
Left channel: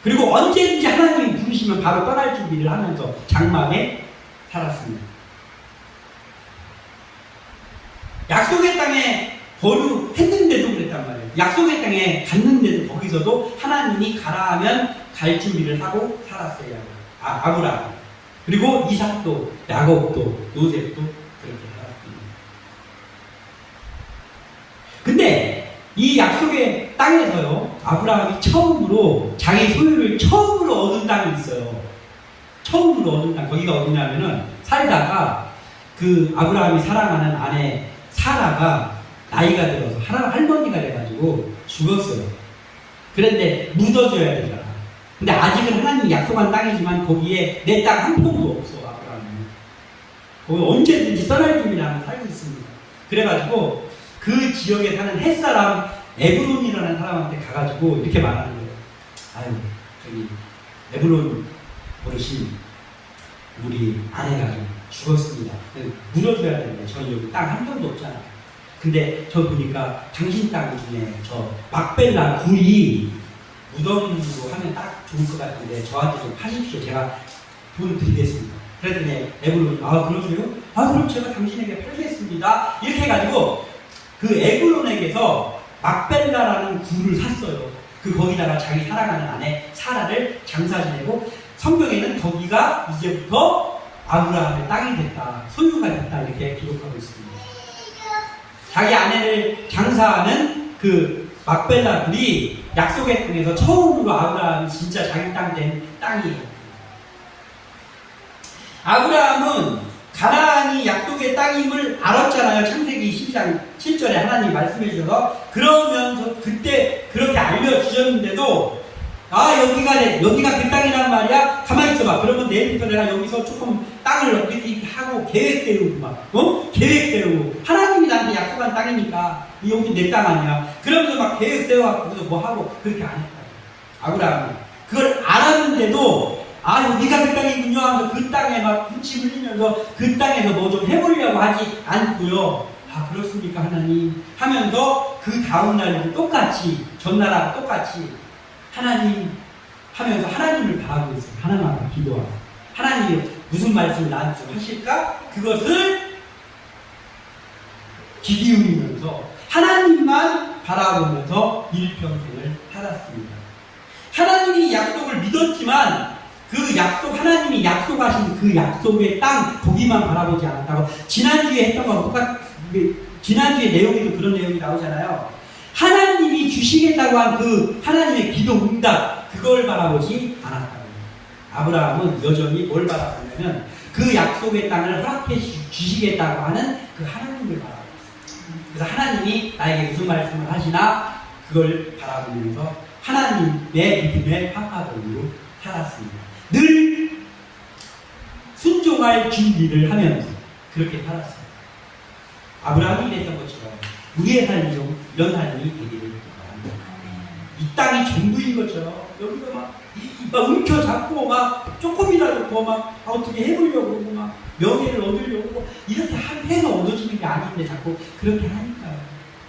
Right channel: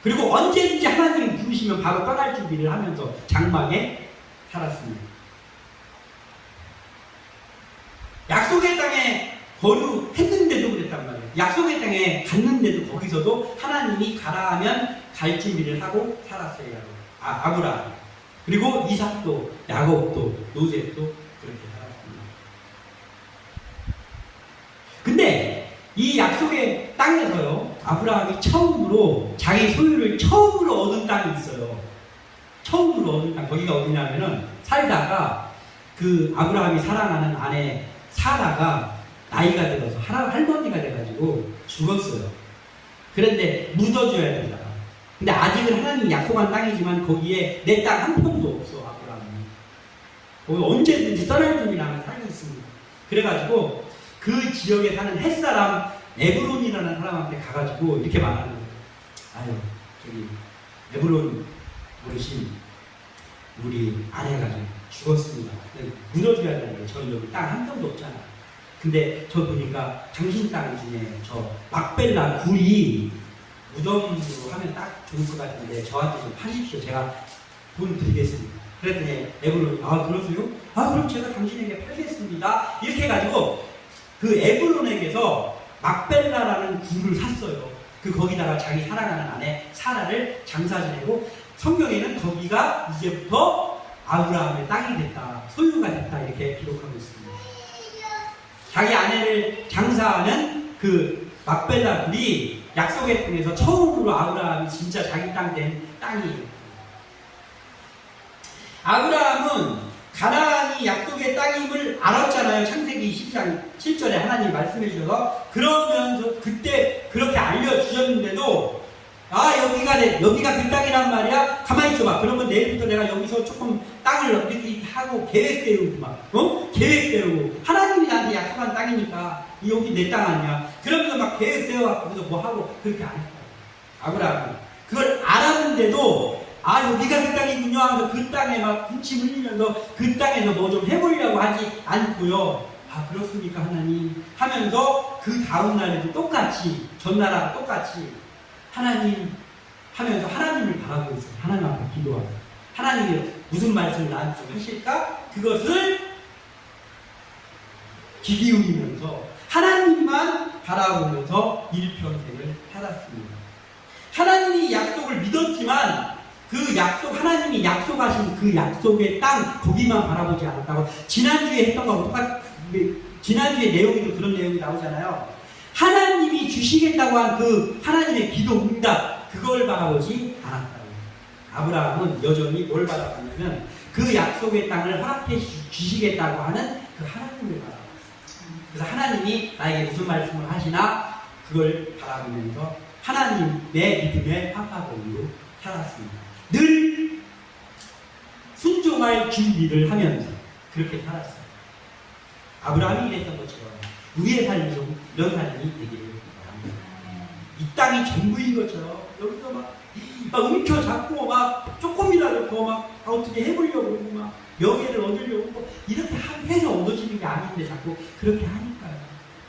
그리고 언제든지 하나님 부르시면 바로 떠날 준비를 하면서 장막에 살았습니다. 약속의 땅에 거류했는데도 그랬단 말이에요. 약속의 땅에 갔는데도 거기서도 하나님이 가라 하면 갈 준비를 하고 살았어요. 아브라함. 그리고 이삭도, 야곱도, 요셉도 그렇게 살았습니다. 근데 이 약속의 땅에서요, 아브라함이 처음으로 자기 소유를 처음으로 얻은 땅이 있어요. 처음으로 얻은 땅. 거기가 어디냐면은 살다가 그 아브라함이 사랑하는 아내 사라가 나이가 들어서 할머니가 돼가지고 죽었어요. 그런데 묻어줘야 되잖아. 근데 아직은 하나님이 약속한 땅이지만 거기에 내 땅 한 포도 없어, 아브라함은. 거기 언제든지 떠날 준비라는 살고 있습니다. 그래가지고 그 지역에 사는 햇사람 에브론이라는 사람한테 가가지고 이렇게 말하는 거예요. 아유, 저기 에브론 어르신, 우리 아내가 좀 죽었습니다. 묻어줘야 되는 거예요. 저희 여기 땅 한 평도 없잖아. 근데 저 보니까 당신 땅 중에 저 막벨라 굴이 무덤으로 하면 딱 좋을 것 같은데 저한테 좀 하십시오. 제가 돈 드리겠습니다. 그랬더니 에브론이 아 그러세요? 아 그럼 제가 당신에게 팔겠습니다. 이렇게 해가지고 그 에브론에게서 막벨라라는 굴을 샀어요. 그 거기다가 자기 사랑하는 아내 사라를 장사 지내고 성경에는 거기가 이제부터 아브라함의 땅이 됐다, 소유가 됐다 이렇게 기록하고 있습니다. 자기 아내를 장사하는 그 막벨라 굴이 약속의 땅에서 처음으로 아브라함이 진짜 자기 땅 된 땅이에요. 아브라함은 가나안이 약속의 땅임을 알았잖아요. 창세기 12장 7절에 하나님 말씀해 주셔서 그러면서 그때 그렇게 알려주셨는데도 아 여기가 그 땅이란 말이야? 가만히 있어봐. 그러면 내일부터 내가 여기서 조금 땅을 이렇게 하고 계획 세우고 막 계획 세우고 하나님이 나한테 약속한 땅이니까 여기 내 땅 아니야. 그러면서 막 계획 세워갖고 그래서 뭐 하고 그렇게 안 했다. 아브라함은 그걸 알았는데도 아 여기가 그 땅이군요 하면서 그 땅에 막 군침 흘리면서 그 땅에서 뭐 좀 해보려고 하지 않고요. 아 그렇습니까 하나님 하면서 그 다음날에도 똑같이 전날하고 똑같이 하나님 하면서 하나님을 바라고 있어요. 하나님 앞에 기도하고 하나님이 무슨 말씀을 나한테 좀 하실까? 그것을 귀 기울이면서 하나님만 바라보면서 일평생을 살았습니다. 하나님이 약속을 믿었지만 그 약속, 하나님이 약속하신 그 약속의 땅 거기만 바라보지 않았다고 지난주에 했던 것과 지난주에 내용에도 그런 내용이 나오잖아요. 하나님이 주시겠다고 한 그 하나님의 기도 응답 그걸 바라보지 않았다고. 아브라함은 여전히 뭘 바라보냐면 그 약속의 땅을 허락해 주시겠다고 하는 그 하나님을 바라보고 있어요. 그래서 하나님이 나에게 무슨 말씀을 하시나 그걸 바라보면서 하나님의 믿음의 파파도로 살았습니다. 늘 순종할 준비를 하면서 그렇게 살았어요. 아브라함이 그랬던 것처럼 우리의 삶이 이런 삶이 되기를 바랍니다. 이 땅이 전부인 거죠. 여기서 막 움켜잡고 막 조금이라도 더 막 어떻게 해보려고 막 명예를 얻으려고 이렇게 해서 얻어지는 게 아닌데 자꾸 그렇게 하니까요.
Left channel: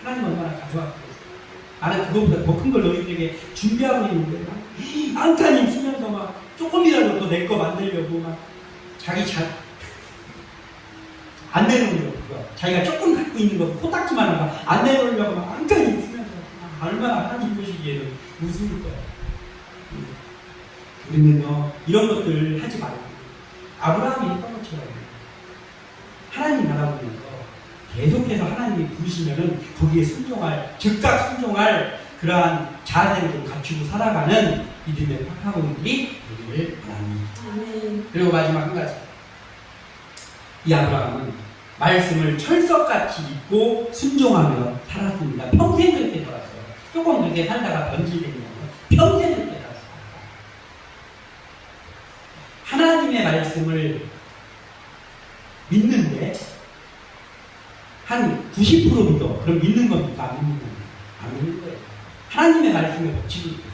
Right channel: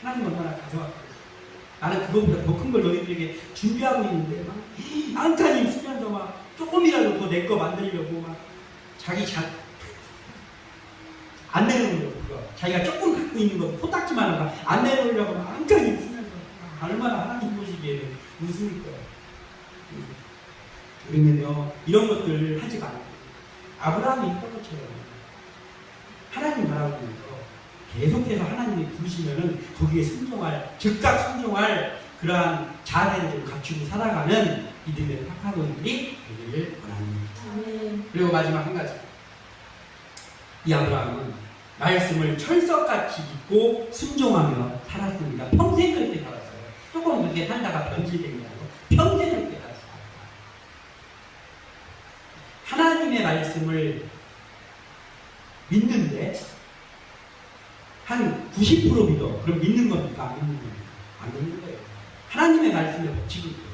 하나님 얼마나 가져왔고 나는 그것보다 더 큰 걸 너희들에게 준비하고 있는데 막 안타님 쓰면서 막 조금이라도 더 내 거 만들려고 막 안 내놓으려고 자기가 조금 갖고 있는 거 코딱지만 한 거 안 내놓으려고 막 안타님 쓰면서 얼마나 하나님 보시기에는 웃을 거야. 우리는요 이런 것들 하지 말고 아브라함이 했던 것처럼 하나님 바라보면서 계속해서 하나님이 부르시면은 거기에 순종할 즉각 순종할 그러한 자세를 좀 갖추고 살아가는 믿음의 파파분들이 되기를 바랍니다. 그리고 마지막 한 가지 이 아브라함은 말씀을 철석같이 믿고 순종하며 살았습니다. 평생 그렇게 살았어요. 조금 그렇게 살다가 변질되지 않고 평생 그렇게 살았어요. 하나님의 말씀을 믿는데 한 90% 믿어. 그럼 믿는 겁니까? 안 믿는 겁니까? 안 믿는 거예요. 하나님의 말씀에 법칙이 있어요.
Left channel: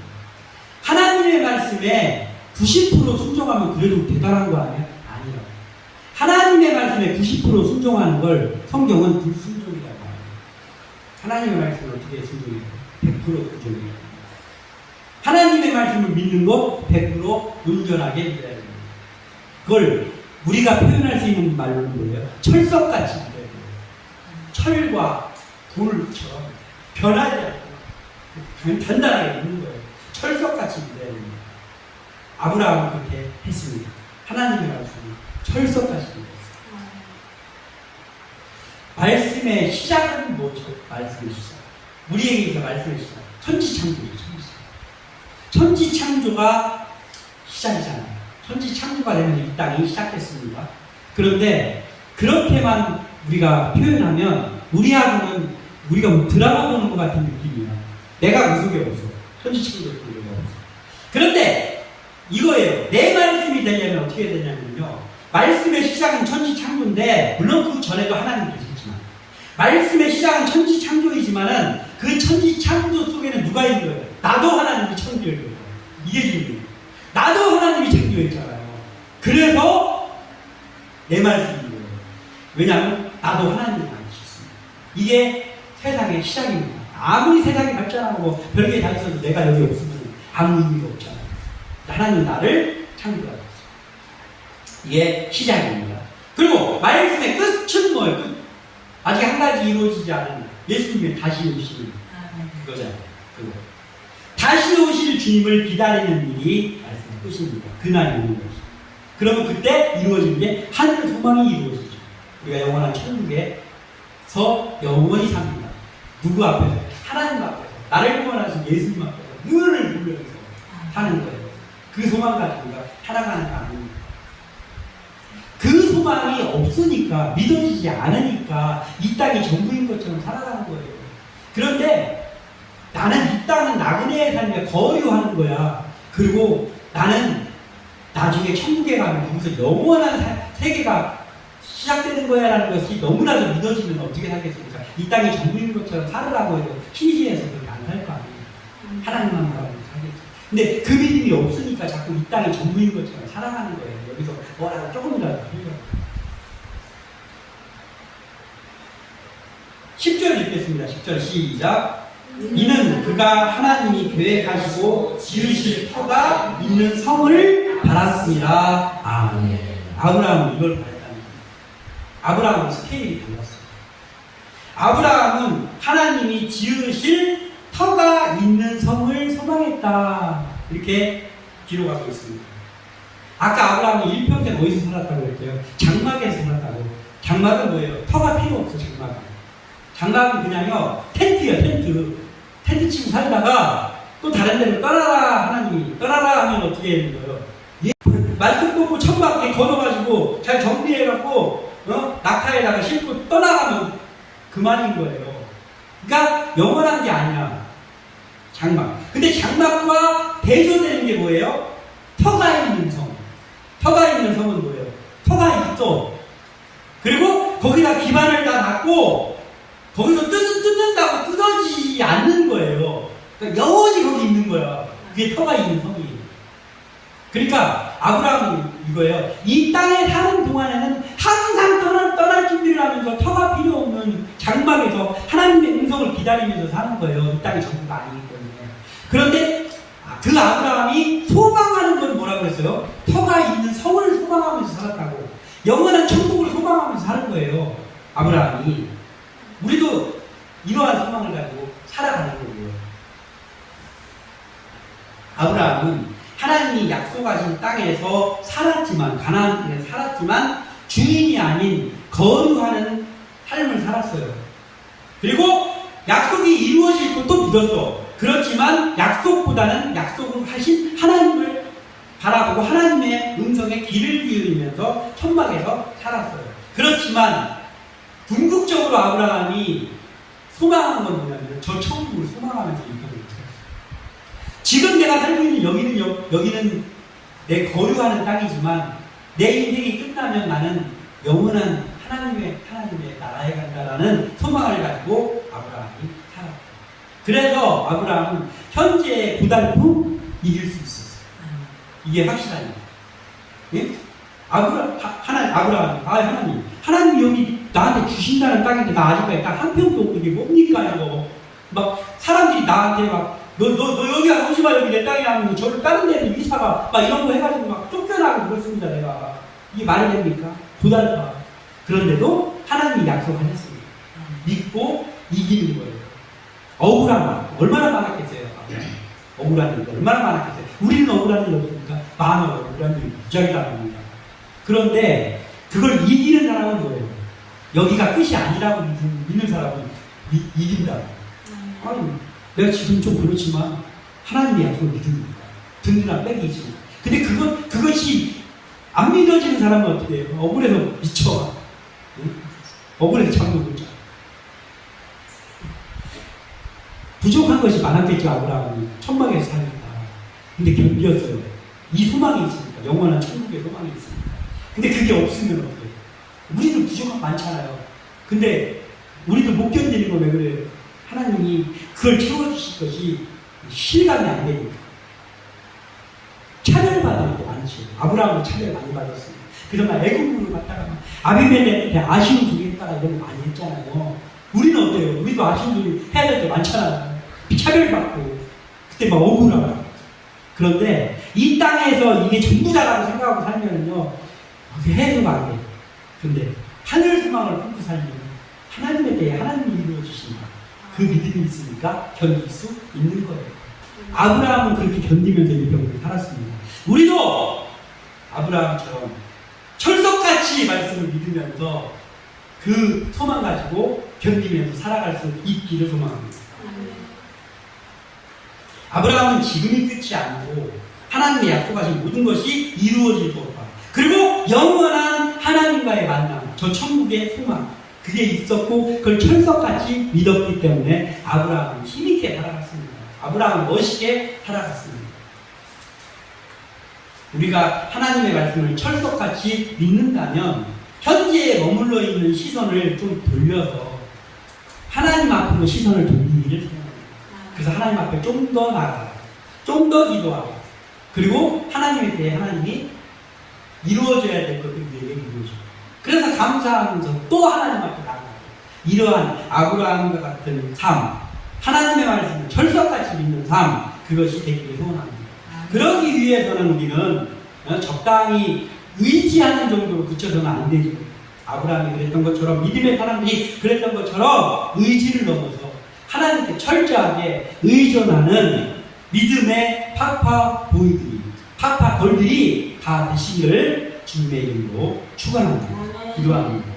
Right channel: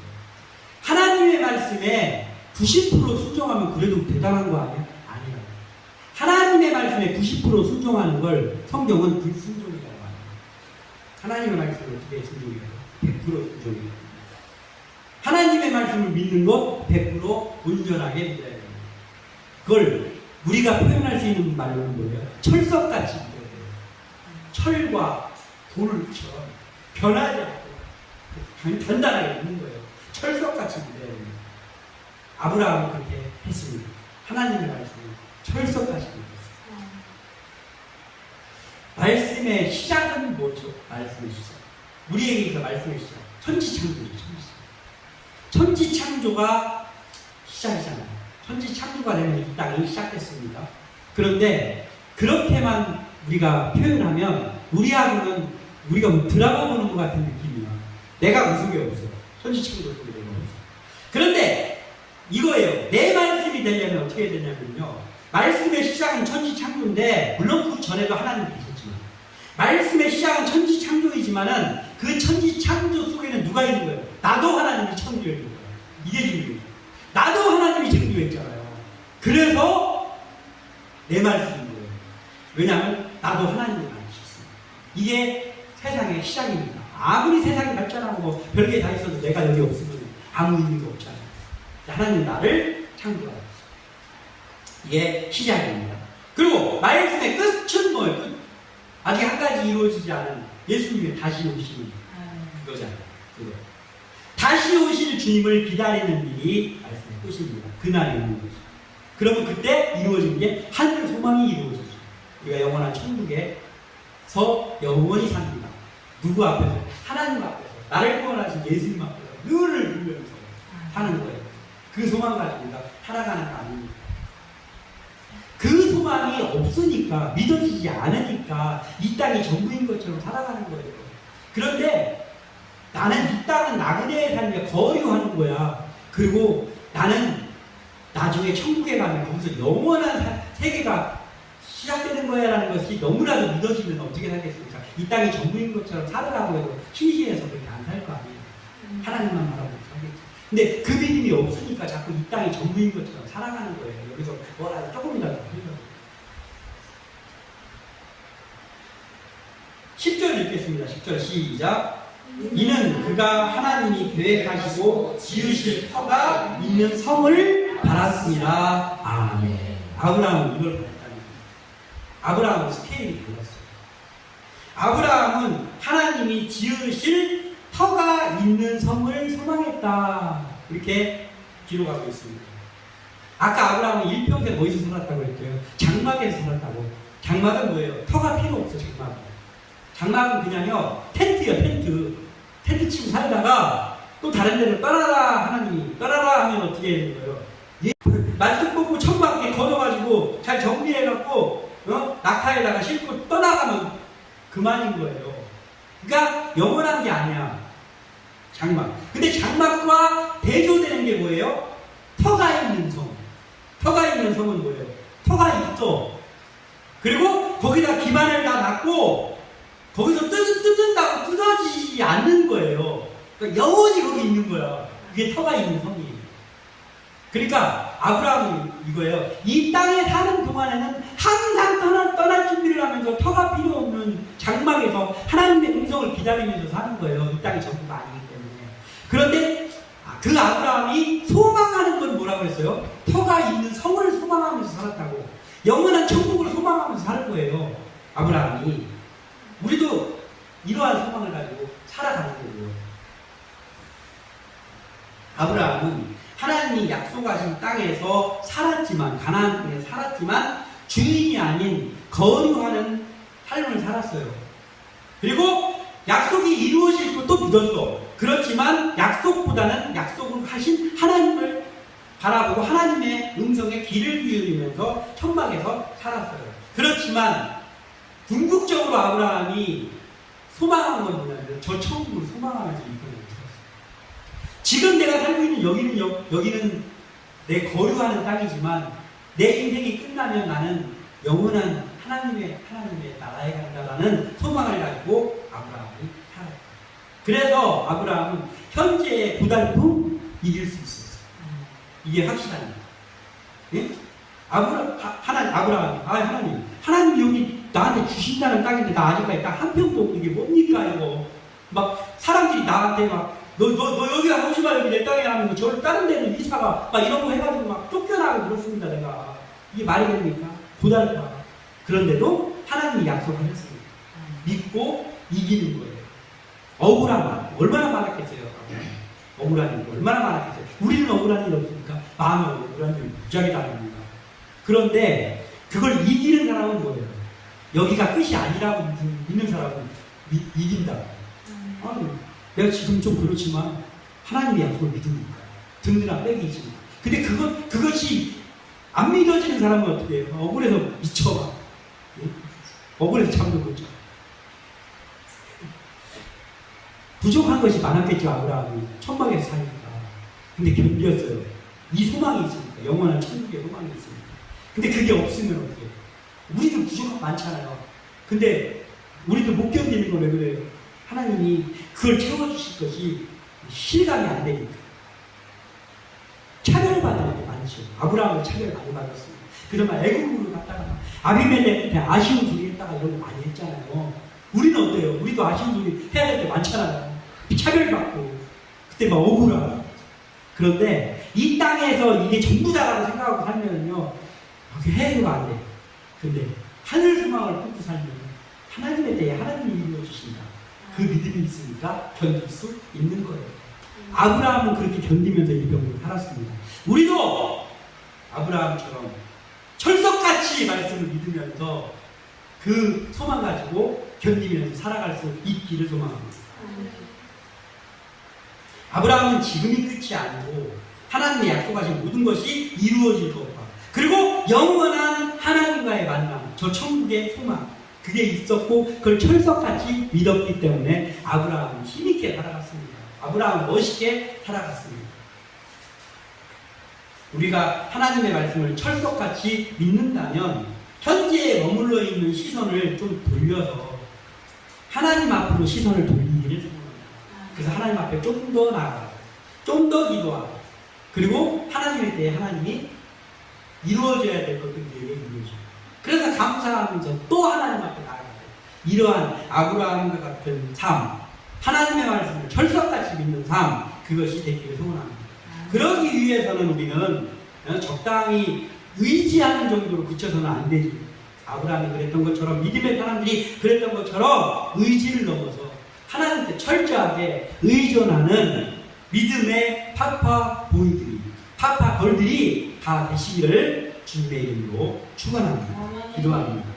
하나님의 말씀에 90% 순종하면 그래도 대단한 거 아니야? 아니라고. 하나님의 말씀에 90% 순종하는 걸 성경은 불순종이라고 합니다. 하나님의 말씀을 어떻게 순종해요? 100% 순종해요. 하나님의 말씀을 하나님을 믿는 거 100% 온전하게 믿어야 됩니다. 그걸 우리가 표현할 수 있는 말로는 뭐예요? 철석같이 믿어야 돼요. 철과 돌처럼 변하지 않고 단단하게 믿는 거예요. 철석같이 믿어야 됩니다. 아브라함은 그렇게 했습니다. 하나님의 말씀을 철석같이 믿었어요. 말씀의 시작은 뭐죠? 말씀의 시작. 우리에게서 말씀의 시작. 천지창조이죠. 천지창조가 시작이잖아요. 천지창조가 되면 이 땅이 시작됐습니다. 그런데 그렇게만 우리가 표현하면 우리하고는 우리가 뭐 드라마 보는 것 같은 느낌이야. 내가 무속이 없어. 천지창조 속에 없어. 그런데 이거예요. 내 말씀이 되려면 어떻게 되냐면요. 말씀의 시작은 천지창조인데 물론 그 전에도 하나님 계셨지만 말씀의 시작은 천지창조이지만은 그 천지창조 속에는 누가 있는 거예요? 나도 하나님이 창조했는 거예요. 이게 중요해요. 나도 하나님이 창조했잖아요. 그래서 내 말씀인 거예요. 왜냐하면 나도 하나님을 만드셨습니다. 이게 세상의 시작입니다. 아무리 세상이 발전하고 별게 다 있어도 내가 여기 없으면 아무 의미가 없잖아요. 하나님 나를 창조하셨어요. 이게 시작입니다. 그리고 말씀의 끝은 뭐예요? 끝. 아직 한 가지 이루어지지 않은 예수님의 다시 오시는 그거잖아요. 그거. 다시 오실 주님을 기다리는 일이 말씀의 끝입니다. 그날이 오는 거죠. 그러면 그때 이루어지는 게 하늘 소망이 이루어지죠. 우리가 영원한 천국에서 영원히 삽니다. 누구 앞에서? 하나님 앞에서. 나를 구원하신 예수님 앞에서 늘 보면서 사는 거예요. 그 소망 가지고 우리가 살아가는 거 아닙니다. 그 소망이 없으니까, 믿어지지 않으니까 이 땅이 전부인 것처럼 살아가는 거예요. 그런데 나는 이 땅은 나그네의 삶에 거류하는 거야. 그리고 나는 나중에 천국에 가면 거기서 영원한 세계가 시작되는 거야 라는 것이 너무나도 믿어지면 어떻게 살겠습니까? 이 땅이 전부인 것처럼 살으라고 해도 신시에서 그렇게 안 살 거 아니에요. 하나님만 바라보고 살겠지. 근데 그 믿음이 없으니까 자꾸 이 땅이 전부인 것처럼 살아가는 거예요. 여기서 뭐라도 조금이라도 필요해요. 10절 읽겠습니다. 10절 시작. 이는 그가 하나님이 계획하시고 지으실 터가 있는 성을 바랐습니다. 아멘. 아브라함은 이걸 바랬다는 거예요. 아브라함은 스케일이 달랐어요. 아브라함은 하나님이 지으실 터가 있는 성을 소망했다. 이렇게 기록하고 있습니다. 아까 아브라함은 일평생 어디서 살았다고 했대요? 장막에서 살았다고. 장막은 뭐예요? 터가 필요 없어. 장막은 그냥요 텐트예요. 텐트 치고 살다가 또 다른 데로 떠나라 하나님이 떠나라 하면 어떻게 되는 거예요? 말씀 뽑고 천막에 걸어가지고 잘 정리해갖고 낙타에다가 싣고 떠나가면 그만인 거예요. 그러니까 영원한 게 아니야. 장막. 근데 장막과 대조되는 게 뭐예요? 터가 있는 성. 터가 있는 성은 뭐예요? 터가 있어. 그리고 거기다 기반을 다 놨고 거기서 뜯는다고 뜯어지지 않는 거예요. 그러니까 영원히 거기 있는 거야. 그게 터가 있는 성이에요. 그러니까 아브라함은 이거예요. 이 땅에 사는 동안에는 항상 떠날 준비를 하면서 터가 필요 없는 장막에서 하나님의 음성을 기다리면서 사는 거예요. 이 땅이 전부가 아니기 때문에. 그런데 그 아브라함이 소망하는 건 뭐라고 했어요? 터가 있는 성을 소망하면서 살았다고. 영원한 천국을 소망하면서 사는 거예요. 아브라함이. 우리도 이러한 소망을 가지고 살아가는 거예요. 아브라함은 하나님이 약속하신 땅에서 살았지만, 가나안 땅에 살았지만 주인이 아닌 거류하는 삶을 살았어요. 그리고 약속이 이루어질 것도 믿었어. 그렇지만 약속보다는 약속을 하신 하나님을 바라보고 하나님의 음성에 귀를 기울이면서 천막에서 살았어요. 그렇지만 궁극적으로 아브라함이 소망한 건 뭐냐면 저 천국을 소망하면서 인생을 살았어요. 지금 내가 살고 있는 여기는 내 거류하는 땅이지만 내 인생이 끝나면 나는 영원한 하나님의 나라에 간다라는 소망을 가지고 아브라함이 살았어요. 그래서 아브라함은 현재의 고달픔 이길 수 있었어요. 이게 확실한 거예요. 예? 하나님 여기 나한테 주신다는 땅인데 나 아직까지 딱 한 평도 없는 게 뭡니까 이거. 막 사람들이 나한테 막 너 여기 가고 아버지가 여기 내 땅에 나면 저를 다른 데로 이사가 막 이런 거 해가지고 막 쫓겨나고 그렇습니다. 내가 이게 말이 됩니까? 고달파. 그런데도 하나님이 약속하셨습니다. 믿고 이기는 거예요. 억울한 말 얼마나 많았겠어요. 억울한 일 얼마나 많았겠어요. 우리는 억울한 일 없으니까 마음에 억울한 일 무지하게 당합니다. 그런데 그걸 이기는 사람은 뭐예요? 여기가 끝이 아니라고 믿는 사람은 이긴다고. 아니, 내가 지금 좀 그렇지만 하나님의 약속을 믿습니다. 든든한 백이 있습니다. 근데 그것이 안 믿어지는 사람은 어떻게 해요? 억울해서 미쳐. 억울해서 잠도 못 자. 부족한 것이 많았겠죠. 아브라함이 천막에서 사니까. 근데 견디었어요. 이 소망이 있으니까. 영원한 천국의 소망이 있으니까. 근데 그게 없으면 어떻게 해요? 우리도 부족한 거 많잖아요. 근데 우리도 못 견디는 거 왜 그래요? 하나님이 그걸 채워주실 것이 실감이 안 되니까. 차별받을 때 많지. 아브라함은 차별 많이 받았습니다. 그러나 애굽으로 갔다가 아비멜렉한테 아쉬운 소리 했다가 이런 거 많이 했잖아요. 우리는 어때요? 우리도 아쉬운 소리 해야 될 때 많잖아요. 차별받고 그때 막 억울하고. 그런데 이 땅에서 이게 전부다라고 생각하고 살면요 해소가 안 돼요. 그런데 하늘 소망을 품고 살면 하나님에 대해 하나님이 이루어 주신다. 그 믿음이 있으니까 견딜 수 있는 거예요. 아브라함은 그렇게 견디면서 이 병을 살았습니다. 우리도 아브라함처럼 철석같이 말씀을 믿으면서 그 소망 가지고 견디면서 살아갈 수 있기를 소망합니다. 아브라함은 지금이 끝이 아니고 하나님이 약속하신 모든 것이 이루어질 것과 그리고 영원한 하나님과의 만남, 저 천국의 소망 그게 있었고 그걸 철석같이 믿었기 때문에 아브라함은 힘있게 살아갔습니다. 아브라함은 멋있게 살아갔습니다. 우리가 하나님의 말씀을 철석같이 믿는다면 현재에 머물러 있는 시선을 좀 돌려서 하나님 앞으로 시선을 돌리기를 소원합니다. 그래서 하나님 앞에 좀 더 나아가, 좀 더 기도하고, 그리고 하나님에 대해 하나님이 이루어져야 될 것들이 내게 이루어져요. 그래서 감사하면서 또 하나님 앞에 나아가고, 이러한 아브라함과 같은 삶, 하나님의 말씀을 철석같이 믿는 삶, 그것이 되기를 소원합니다. 그러기 위해서는 우리는 적당히 의지하는 정도로 그쳐서는 안 되죠. 아브라함이 그랬던 것처럼 믿음의 사람들이 그랬던 것처럼 의지를 넘어서 하나님께 철저하게 의존하는 믿음의 파파보이들이 파파걸들이 다 되시기를 주님의 이름으로 축원합니다. 기도합니다.